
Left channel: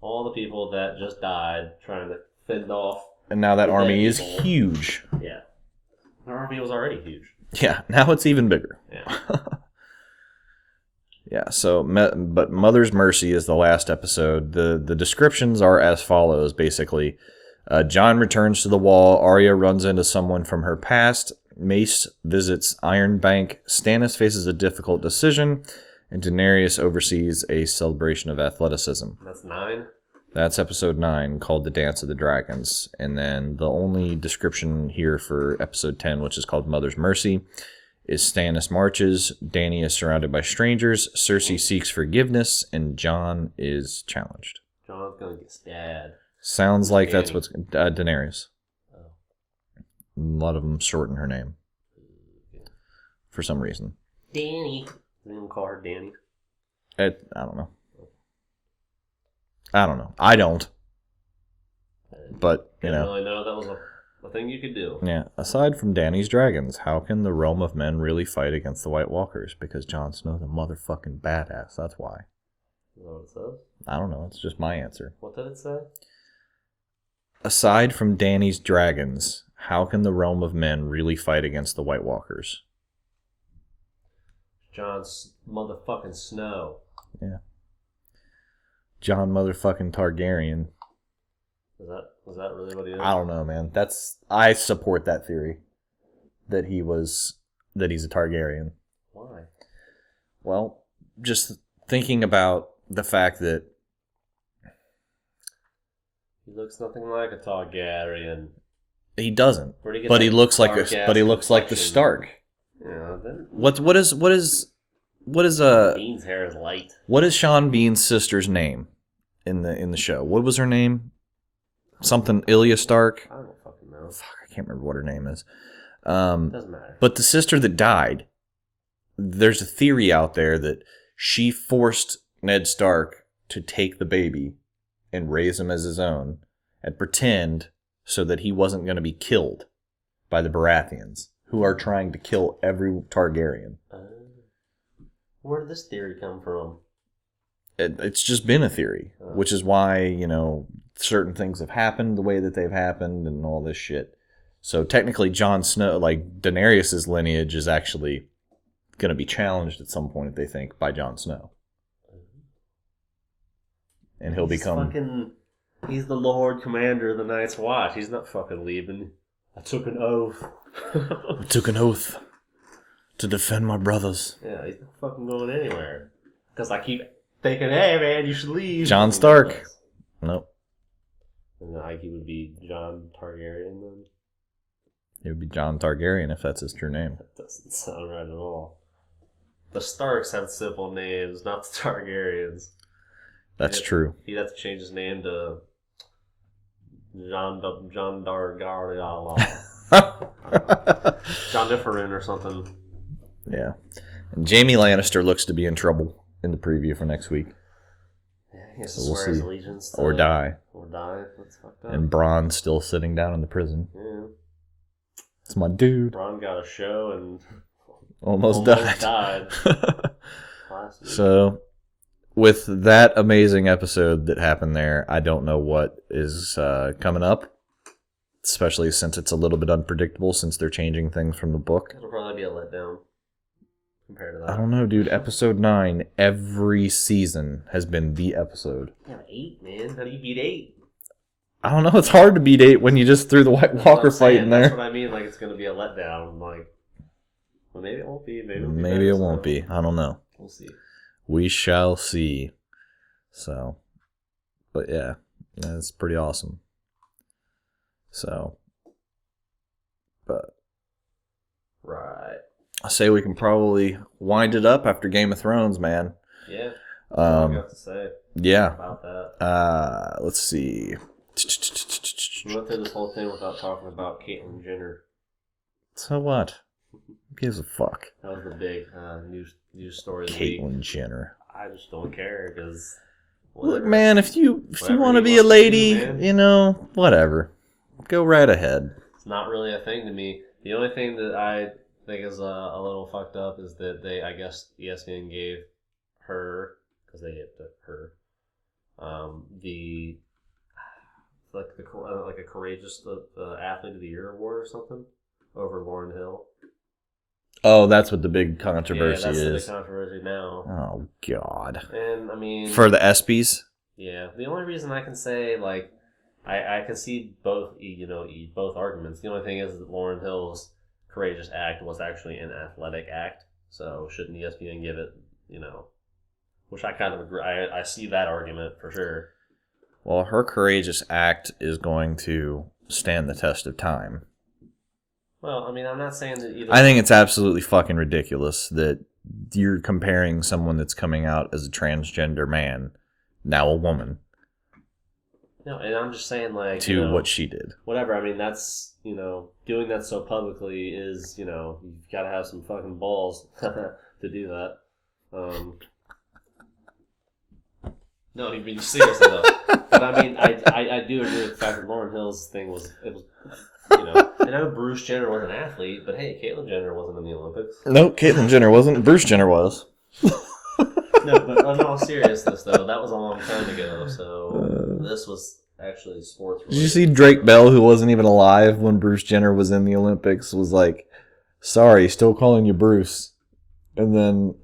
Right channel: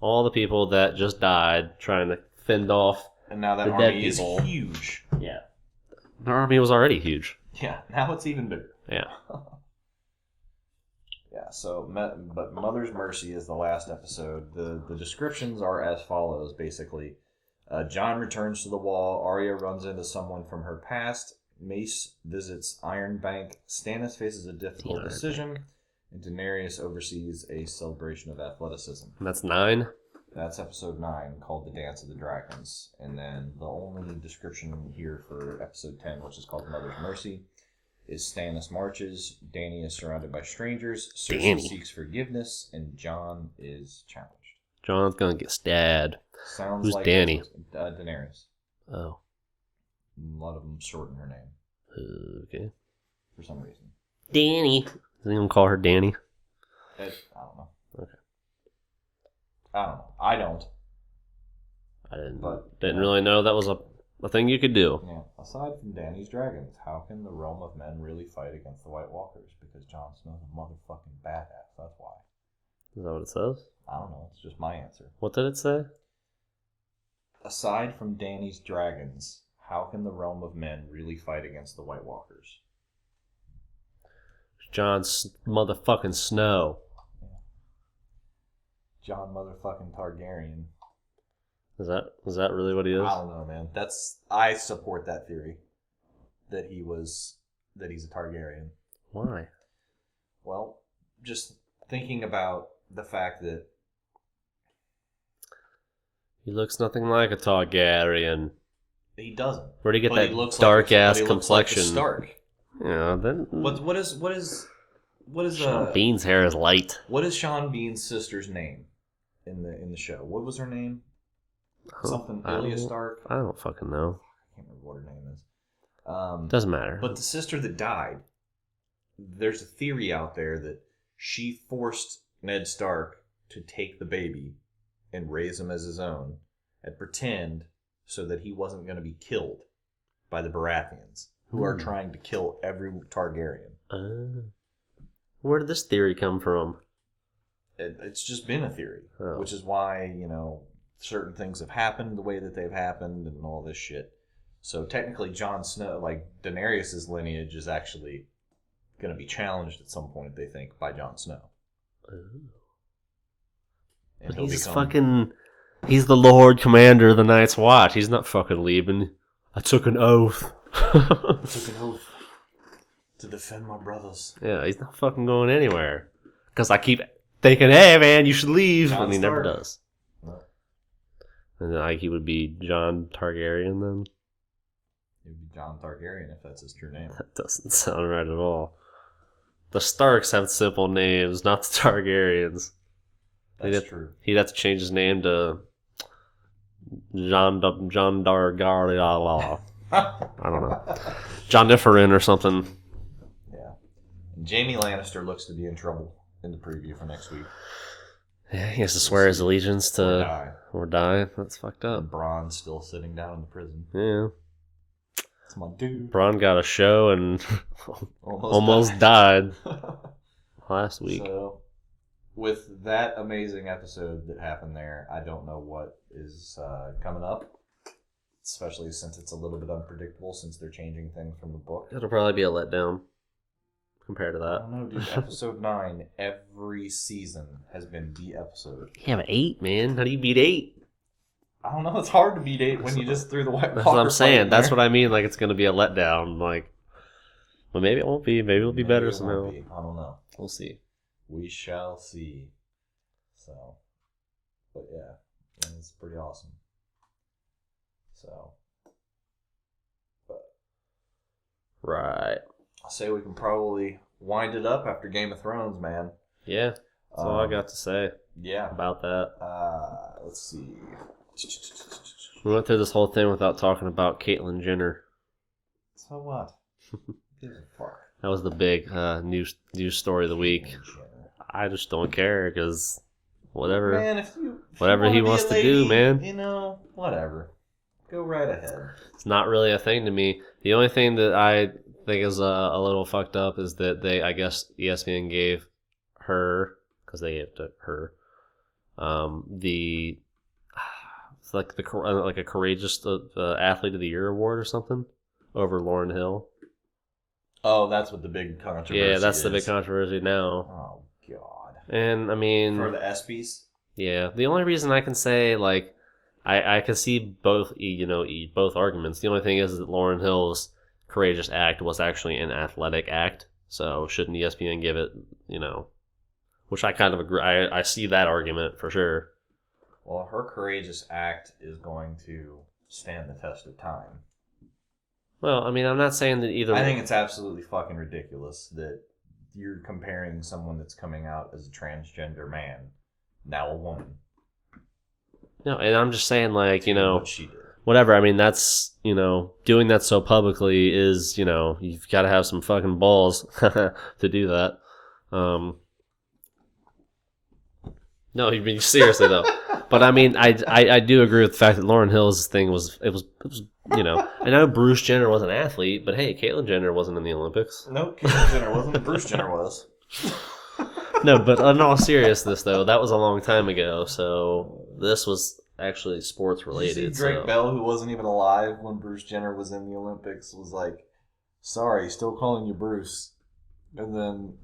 All the people that just died trying to fend off. And now that The army dead is people. huge. Yeah. Their army was already huge. Yeah. Now it's even bigger. Yeah. Yeah, so, but Mother's Mercy is the last episode. The descriptions are as follows, basically. Jon returns to the wall. Arya runs into someone from her past. Mace visits Iron Bank. Stannis faces a difficult decision. And Daenerys oversees a celebration of athleticism. That's 9. That's episode 9, called The Dance of the Dragons. And then the only description here for episode 10, which is called Mother's Mercy, is Stannis marches, Dany is surrounded by strangers, Cersei Damn. seeks forgiveness, and Jon is challenged. John's gonna get stabbed. Sounds Who's like that's Dany? what's... Daenerys. Oh. A lot of them shorten her name Okay. for some reason. Danny. Does anyone call her Danny? I don't know. Okay. I don't know. I don't. I didn't, But, didn't really know that was a thing you could do. Yeah. Aside from Dany's dragons, how can the realm of men really fight against the White Walkers? Because Jon Snow's a motherfucking badass. That's why. Is that what it says? I don't know. It's just my answer. What did it say? Aside from Dany's dragons, how can the realm of men really fight against the White Walkers? John's motherfucking Snow. Yeah. Jon motherfucking Targaryen. Is that really what he is? I don't know, man. I support that theory. That he's a Targaryen. Why? Well, just thinking about the fact that He looks nothing like a Targaryen. he doesn't. Where'd he get But that he looks like dark-ass the complexion? Stark. Yeah, then What is Bean's hair is light. what is Sean Bean's sister's name in the show? What was her name? Something Ilya Stark. I don't fucking know. Fuck, I can't remember what her name is. Doesn't matter. But the sister that died, there's a theory out there that she forced Ned Stark to take the baby and raise him as his own and pretend so that he wasn't going to be killed by the Baratheons, who are trying to kill every Targaryen. Where did this theory come from? It's just been a theory, Oh. which is why, certain things have happened the way that they've happened and all this shit. So technically Jon Snow, like Daenerys' lineage is actually going to be challenged at some point, they think, by Jon Snow. And he'll become... He's the Lord Commander of the Night's Watch. He's not fucking leaving. I took an oath. I took an oath to defend my brothers. Yeah, he's not fucking going anywhere. Because I keep thinking, hey man, you should leave. Jon And he never Stark. does. Nope. And then he would be Jon Targaryen then? It would be Jon Targaryen if that's his true name. That doesn't sound right at all. The Starks have simple names, not the Targaryens. That's true. He'd have to change his name to John Dargarliala. I don't know. John Differin or something. Yeah. And Jaime Lannister looks to be in trouble in the preview for next week. Yeah, he has to We'll swear his see. allegiance to... Or die. Or die. That's fucked up. And Bronn's still sitting down in the prison. Yeah. It's my dude. Bronn got a show and Almost died last week. So, with that amazing episode that happened there, I don't know what is coming up. Especially since it's a little bit unpredictable since they're changing things from the book. It'll probably be a letdown compared to that. I don't know, dude. Episode 9, every season has been the episode. Yeah, but 8, man. How do you beat 8? I don't know. It's hard to beat 8 when you just threw the White That's what Walker I'm fight saying. in That's there. what I mean. Like, it's going to be a letdown. Like, But maybe it won't be. Maybe it'll be better. Maybe it won't be. I don't know. We'll see. We shall see. So, but yeah, it's pretty awesome. So, but Right. I say we can probably wind it up after Game of Thrones, man. Yeah. That's all I got to say Yeah. about that. Let's see. We went through this whole thing without talking about Caitlyn Jenner. So what? Who gives a fuck? That was the big news story of the week. Caitlyn Jenner. I just don't care because whatever. Look, man, if you whatever want he to be wants a to lady, do, man. you know, whatever. Go right ahead. It's not really a thing to me. The only thing that I think is a little fucked up is that I guess ESPN gave her, because they gave it to her, it's like a courageous athlete of the year award or something over Lauryn Hill. Oh, that's what the big controversy is. Yeah, that's the big controversy now. Oh, God. And, I mean... For the ESPYs? Yeah. The only reason I can say, like, I can see both, both arguments. The only thing is that Lauryn Hill's courageous act was actually an athletic act. So shouldn't ESPN give it, which I kind of agree. I see that argument for sure. Well, her courageous act is going to stand the test of time. Well, I mean, I'm not saying that either. I think it's absolutely fucking ridiculous that you're comparing someone that's coming out as a transgender man, now a woman. No, and I'm just saying, like, to what she did. Whatever. I mean, that's, doing that so publicly is, you've got to have some fucking balls to do that. No, you're being seriously though. But I mean, I do agree with the fact that Lauryn Hill's thing was I know Bruce Jenner was an athlete, but hey, Caitlyn Jenner wasn't in the Olympics. Nope, Caitlyn Jenner wasn't. Bruce Jenner was. No, but in all seriousness though, that was a long time ago. So this was actually sports related. Did you see Drake Bell, who wasn't even alive when Bruce Jenner was in the Olympics, was like, "Sorry, still calling you Bruce." And then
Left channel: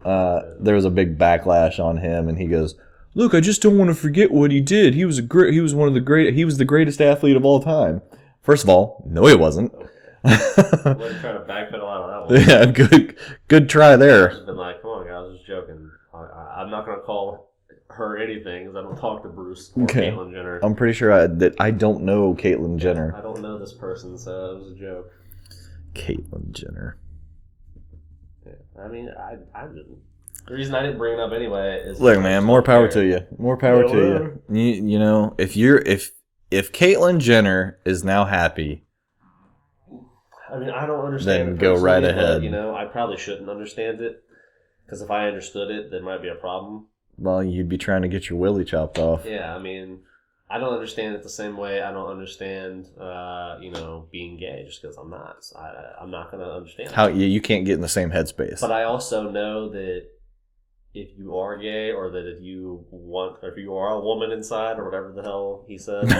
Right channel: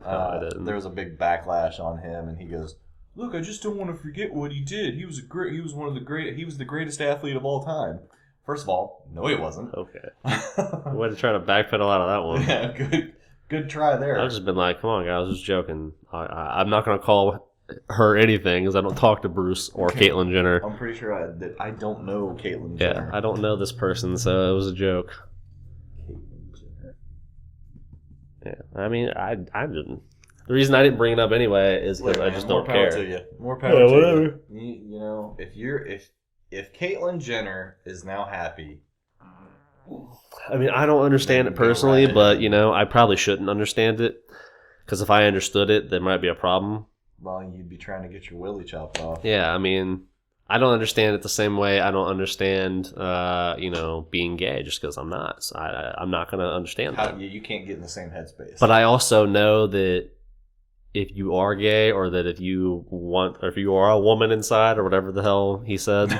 there was a big backlash on him, and he goes, "Look, I just don't want to forget what he did. He was the greatest athlete of all time." First of all, no, he wasn't. Okay. I wasn't trying to backpedal out of that one. Yeah, good try there. I've just been like, come on, guys, I was just joking. I'm not going to call her anything because I don't talk to Bruce or Caitlyn Jenner. I'm pretty sure that I don't know Caitlyn Jenner. I don't know this person, so it was a joke. Caitlyn Jenner. Yeah, I mean, I didn't. The reason I didn't bring it up anyway is... Look, man, more power to you. More power to you. You know, if Caitlyn Jenner is now happy... I mean, I don't understand it personally, but, I probably shouldn't understand it. Because if I understood it, there might be a problem. Well, you'd be trying to get your willy chopped off. Yeah, I mean, I don't understand it the same way I don't understand, being gay just because I'm not. So I'm not going to understand how you can't get in the same headspace. But I also know that if you are gay, or that if you are a woman inside, or whatever the hell he said...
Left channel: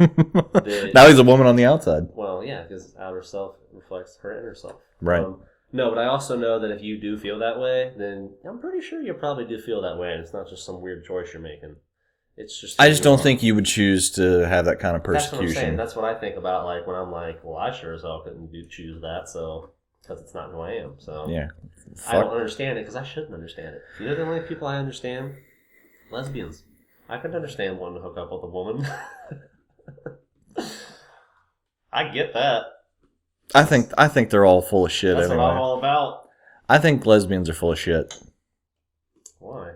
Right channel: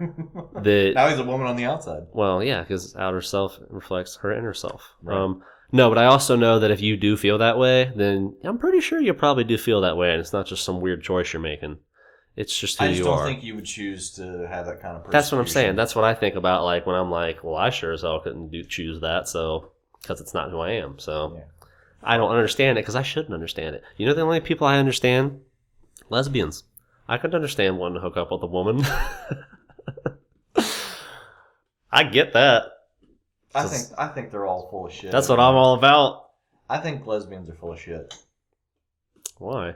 now he's a woman on the outside. Well, yeah, because outer self reflects her inner self. Right. No, but I also know that if you do feel that way, then I'm pretty sure you probably do feel that way, and it's not just some weird choice you're making. It's just I just don't think you would choose to have that kind of persecution. That's what I'm saying. That's what I think about, like, when I'm like, well, I sure as hell couldn't choose that, so because it's not who I am. So yeah, I don't understand it because I shouldn't understand it. You know, the only people I understand, lesbians. I could understand wanting to hook up with a woman. I get that. I think they're all full of shit. That's what I'm all about. I think lesbians are full of shit. Why?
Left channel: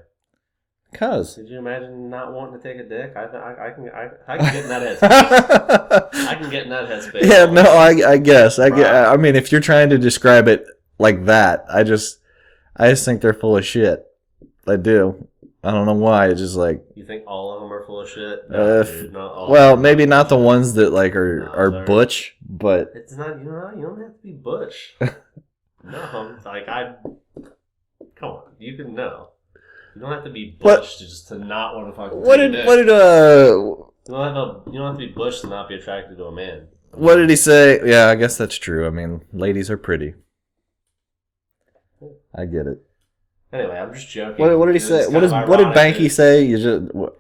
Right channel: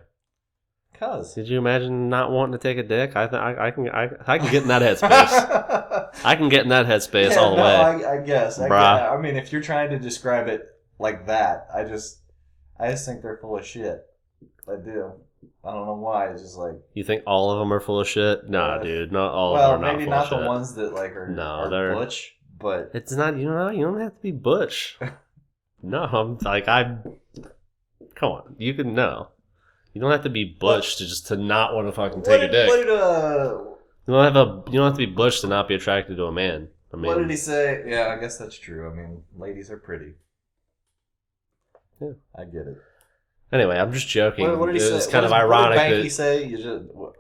Because did you imagine not wanting to take a dick? I can get in that headspace. I can get in that headspace. Yeah, no, I guess. I mean, if you're trying to describe it like that, I just think they're full of shit. I do. I don't know why. It's just like, you think all of them are full of shit? No, dude, not all. Well, maybe not the ones that like are butch, but it's not. You don't have to be butch. No, I'm like come on, you can know. You don't have to be butch to not want to fucking take a dick. You don't have to be butch to not be attracted to a man. What did he say? Yeah, I guess that's true. I mean, ladies are pretty. Yeah. I get it. Anyway, I'm just joking. What did he say? What did Banky say?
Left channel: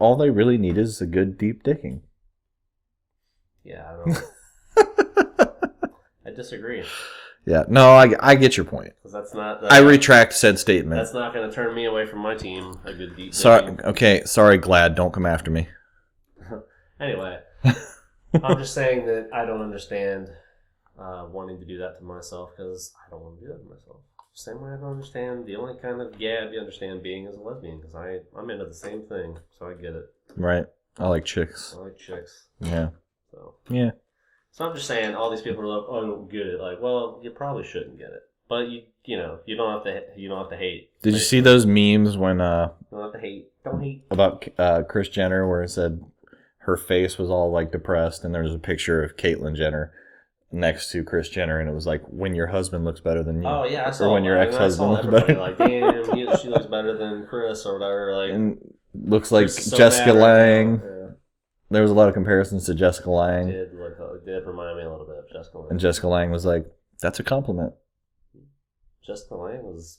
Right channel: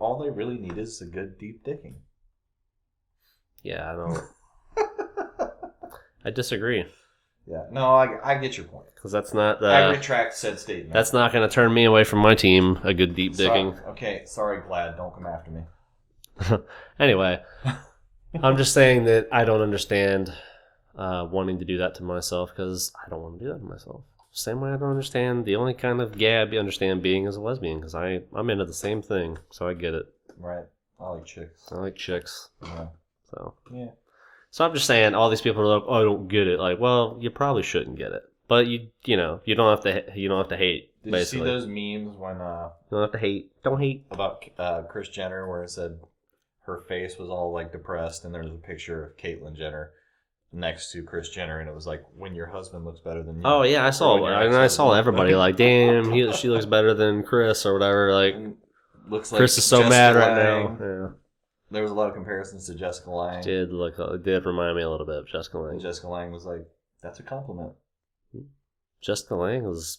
All they really need is a good deep dicking. Yeah, I don't. I disagree. Yeah. No, I get your point. Because that's not... I retract said statement. That's not going to turn me away from my team. A good deep digging. Sorry, Glad. Don't come after me. Anyway, I'm just saying that I don't understand wanting to do that to myself because I don't want to do that to myself. Same way I don't understand the only kind of gab you understand being as a lesbian because I'm into the same thing, so I get it. Right. I like chicks. Yeah. So yeah. So I'm just saying, all these people are like, "Oh, I don't get it." Like, well, you probably shouldn't get it, but you don't have to hate. Did basically. you see those memes when You don't have to hate. Don't hate about Kris Jenner where it said her face was all like depressed and there was a picture of Caitlyn Jenner next to Kris Jenner and it was like when your husband looks better than you. Oh yeah, I saw that. And I saw everybody like, damn, she looks better than Chris or whatever. Like, and looks like Chris is so Jessica mad right Lange. now. Yeah. There was a lot of comparisons to Jessica Lange. It did remind me a little bit of Jessica Lange. And Jessica Lange was like, "That's a compliment." Jessica Lange was.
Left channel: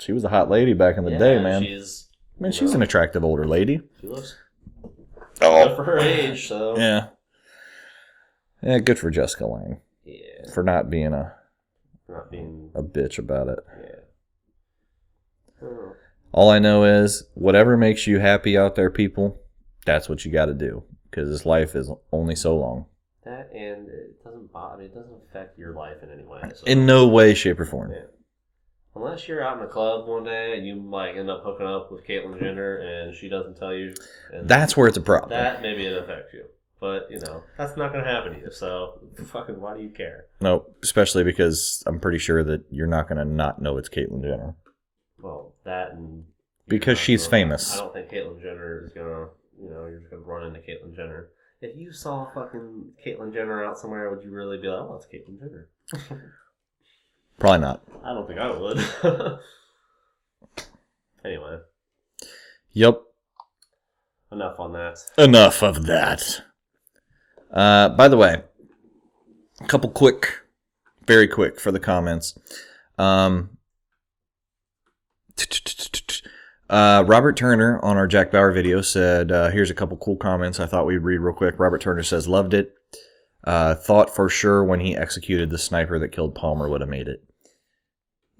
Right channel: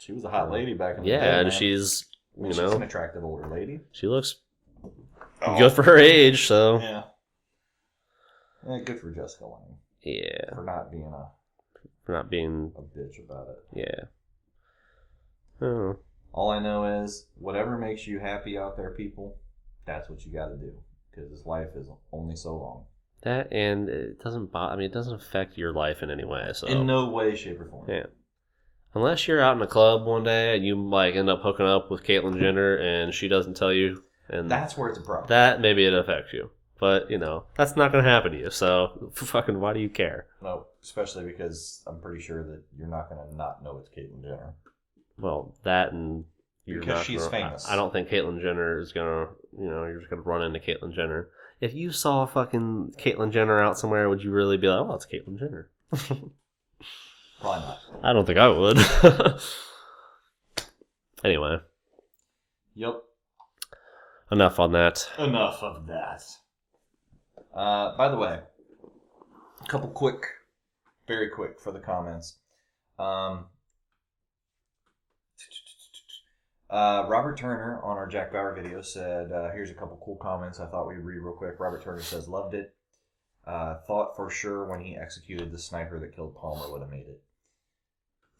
She was a hot lady back in the day, man. She's an attractive older lady. She looks good for her age, so yeah. Yeah, good for Jessica Lange. Yeah, for not being a bitch about it. Yeah. Oh. All I know is whatever makes you happy out there, people. That's what you got to do because this life is only so long. That and it doesn't it doesn't affect your life in any way. So. In no way, shape, or form. Yeah. Unless you're out in a club one day and you like end up hooking up with Caitlyn Jenner and she doesn't tell you, and that's where it's a problem. That maybe it affects you, but that's not going to happen to you. So fucking why do you care? No, especially because I'm pretty sure that you're not going to not know it's Caitlyn Jenner. Well, that and because she's famous. I don't think Caitlyn Jenner is gonna. You're just gonna run into Caitlyn Jenner. If you saw fucking Caitlyn Jenner out somewhere, would you really be like, "Oh, it's Caitlyn Jenner"? Probably not. I don't think I would. Anyway. Yep. Enough on that. Enough of that. By the way, a couple very quick for the comments. Robert Turner on our Jack Bauer video said, here's a couple cool comments I thought we'd read real quick. Robert Turner says, loved it. Thought for sure when he executed the sniper that killed Palmer would have made it.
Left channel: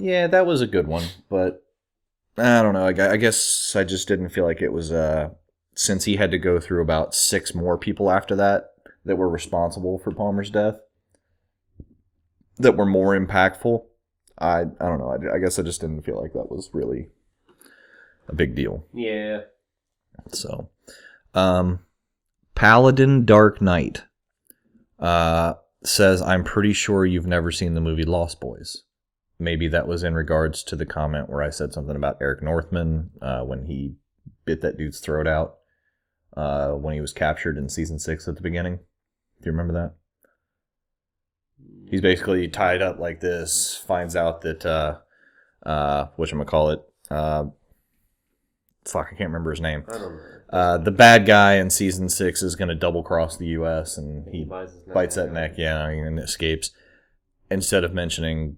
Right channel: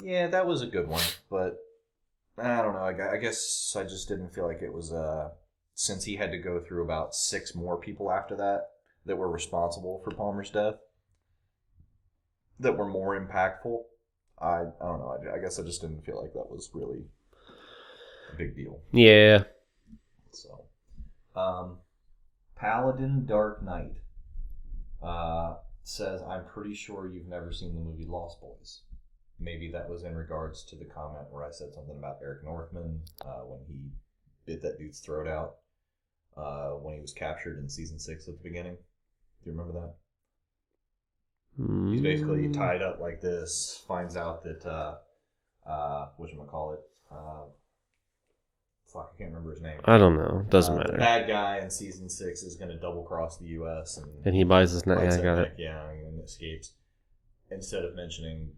Yeah, that was a good one, but I don't know. I guess I just didn't feel like it was, since he had to go through about 6 more people after that were responsible for Palmer's death, that were more impactful. I don't know. I guess I just didn't feel like that was really a big deal. Yeah. So, Paladin Dark Knight says, I'm pretty sure you've never seen the movie Lost Boys. Maybe that was in regards to the comment where I said something about Eric Northman when he bit that dude's throat out when he was captured in season 6 at the beginning. Do you remember that? He's basically tied up like this, finds out that, whatchamacallit, fuck, I can't remember his name. I don't know. Doesn't matter. The bad guy in season 6 is going to double cross the U.S. and he bites his neck. Bites that neck, yeah, and escapes. Instead of mentioning,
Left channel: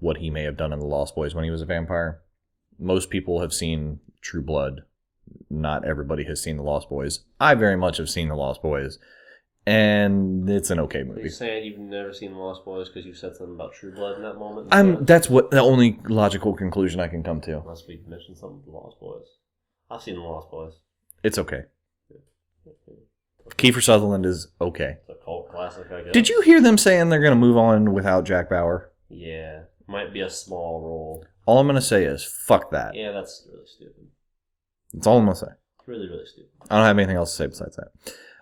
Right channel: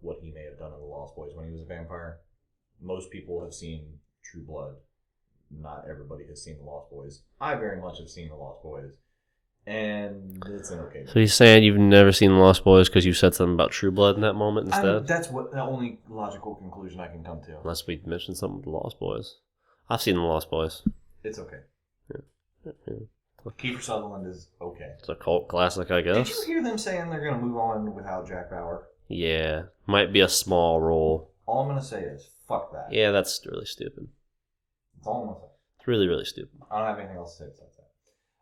what he may have done in the Lost Boys when he was a vampire. Most people have seen True Blood. Not everybody has seen the Lost Boys. I very much have seen the Lost Boys. And it's an okay movie. So you're saying you've never seen The Lost Boys because you said something about True Blood in that moment instead? That's what the only logical conclusion I can come to. Unless we mentioned something with The Lost Boys. I've seen The Lost Boys. It's okay. Yeah. Kiefer Sutherland is okay. It's a cult classic, I guess. Did you hear them saying they're going to move on without Jack Bauer? Yeah. Might be a small role. All I'm going to say is, fuck that. Yeah, that's really stupid. That's all I'm going to say. It's really, really stupid. I don't have anything else to say besides that.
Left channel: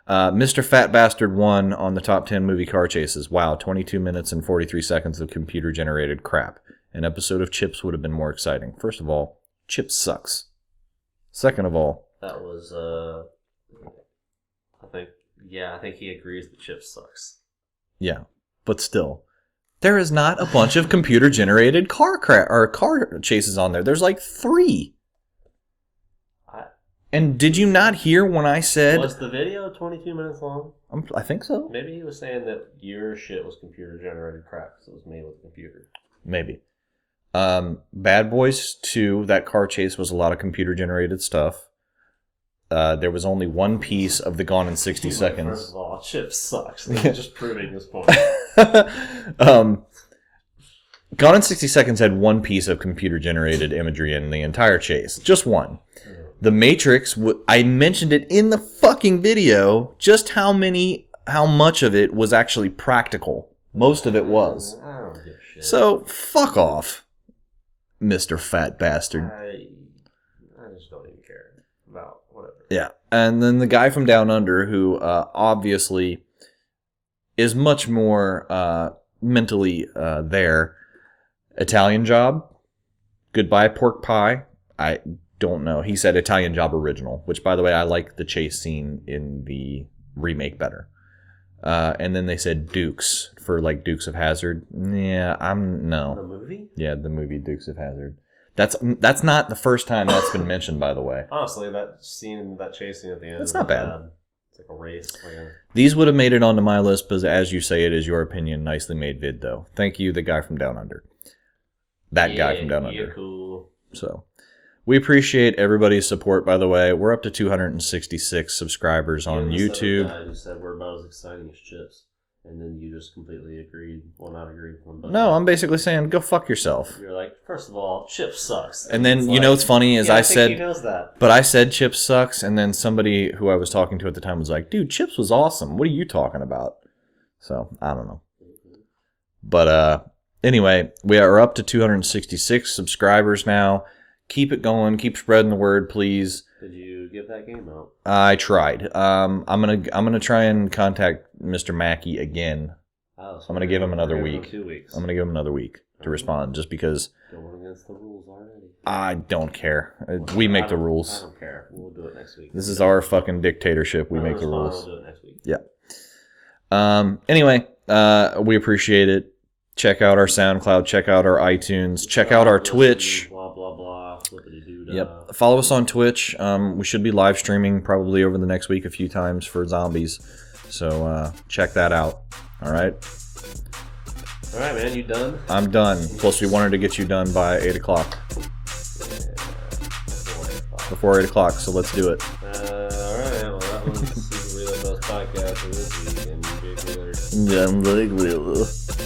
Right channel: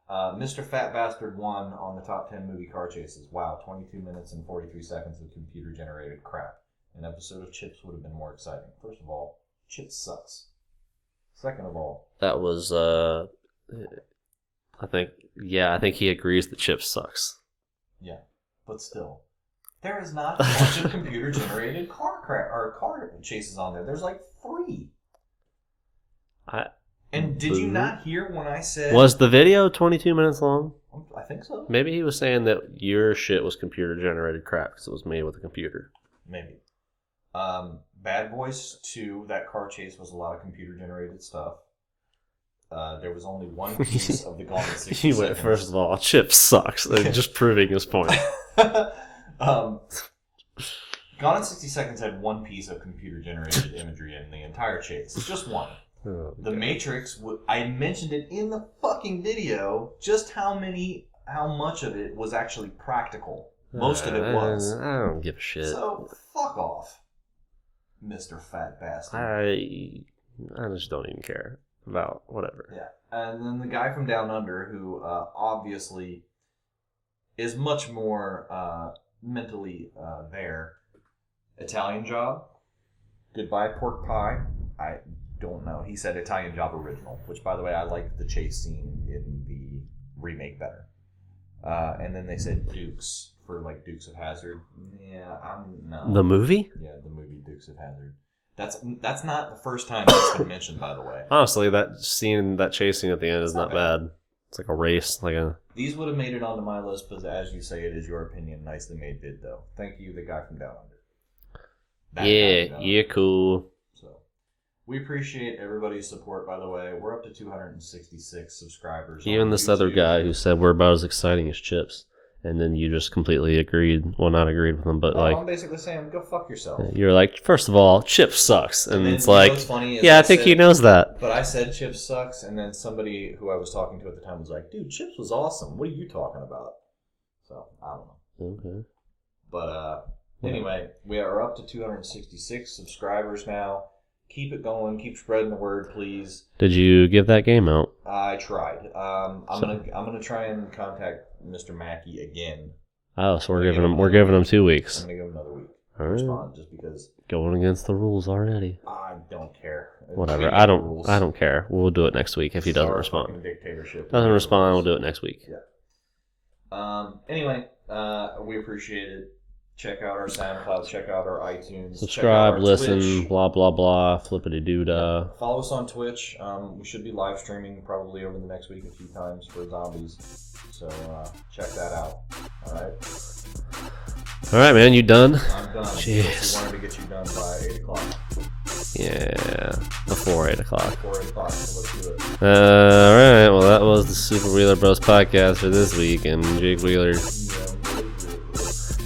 Mr. Fat Bastard won on the top 10 movie car chases. Wow, 22 minutes and 43 seconds of computer-generated crap. An episode of Chips would have been more exciting. First of all, Chips sucks. Second of all... That was, I think he agrees that Chips sucks. Yeah, but still. There is not a bunch of computer-generated car chases on there. There's like 3. And did you not hear when I said... Was the video 22 minutes long? I think so. Maybe he was saying that your shit was computer-generated crap because it was made with a computer. Maybe. Bad Boys 2, that car chase was a lot of computer-generated stuff. there was only one piece of the Gone in 60 Anyway, Seconds. first of all, Chip sucks. They're just proving his point. Gone in 60 Seconds had one piece of computer-generated imagery in the entire chase. Just one. The Matrix, I mentioned it in the fucking video, just how much of it was actually practical. Most of it was. I don't give a shit. So, fuck off, Mr. Fat Bastard. I just don't even care about whatever. Yeah. And then the guy from Down Under, who obviously is much more mentally there. Italian Job. Goodbye, Pork Pie. I don't know. He said Italian Job Original, which, by the way, I like the chase scene in the remake better. And then they said Dukes for like Dukes of Hazzard. Yeah, no. The movie? Yeah, the movie Dukes of Hazzard. That's not the first time that's been mentioned, by the way. Honestly, that chase scene at the end is not bad. It's like a race. These would have made it onto my list, but as you say, it is your opinion. Nicely made vid, though. Thank you, the guy from Down Under. That guy from Down Under. Yeah, cool. So, we appreciate everybody's support, by the way. We're up to 266 subscribers on YouTube. Even this other guy who said we're about as exciting as Chips. And then you just completely agreed. Well, not agreed with him, but no, I'm basically saying go fuck yourself. You're like, first of all, Chips sucks. And then, you know what's funny is I think he knows that. But I said Chips sucks, and then somebody who I was talking to at the time was like, dude, Chips was awesome. What are you talking about? So, I don't know. Okay. But anyway, we are up to 266 subscribers now. Keep it going. Keep spreading the word, please. Did you give that game out? I tried. I'm gonna try and contact Mr. Mackey again. Oh, so we're giving him 2 weeks. I'm gonna give him another week to respond, just because going against the rules already. I don't care. Whatever. We make the rules. I don't care. We'll do it next week. This is our fucking dictatorship. Doesn't respond. We'll do it next week. Yeah. Anyway, we appreciate it. Check out our SoundCloud. Check out our iTunes. Subscribe, check out our listen, Twitch. Blah, blah, blah. Flippity-doo-dah. Yep. Follow us on Twitch. We should be live streaming probably over the next week a few times for zombies. So check that out. All right? All right, man. You done? I'm done. Jeez. Plus, we wanted to get you done by 8 o'clock. Yeah. Before 8 o'clock. Before 8 o'clock, so let's do it. All right. Well, that was the Super Wheeler Bros podcast for this week. And Jake Wheeler,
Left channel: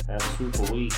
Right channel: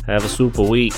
have a super week.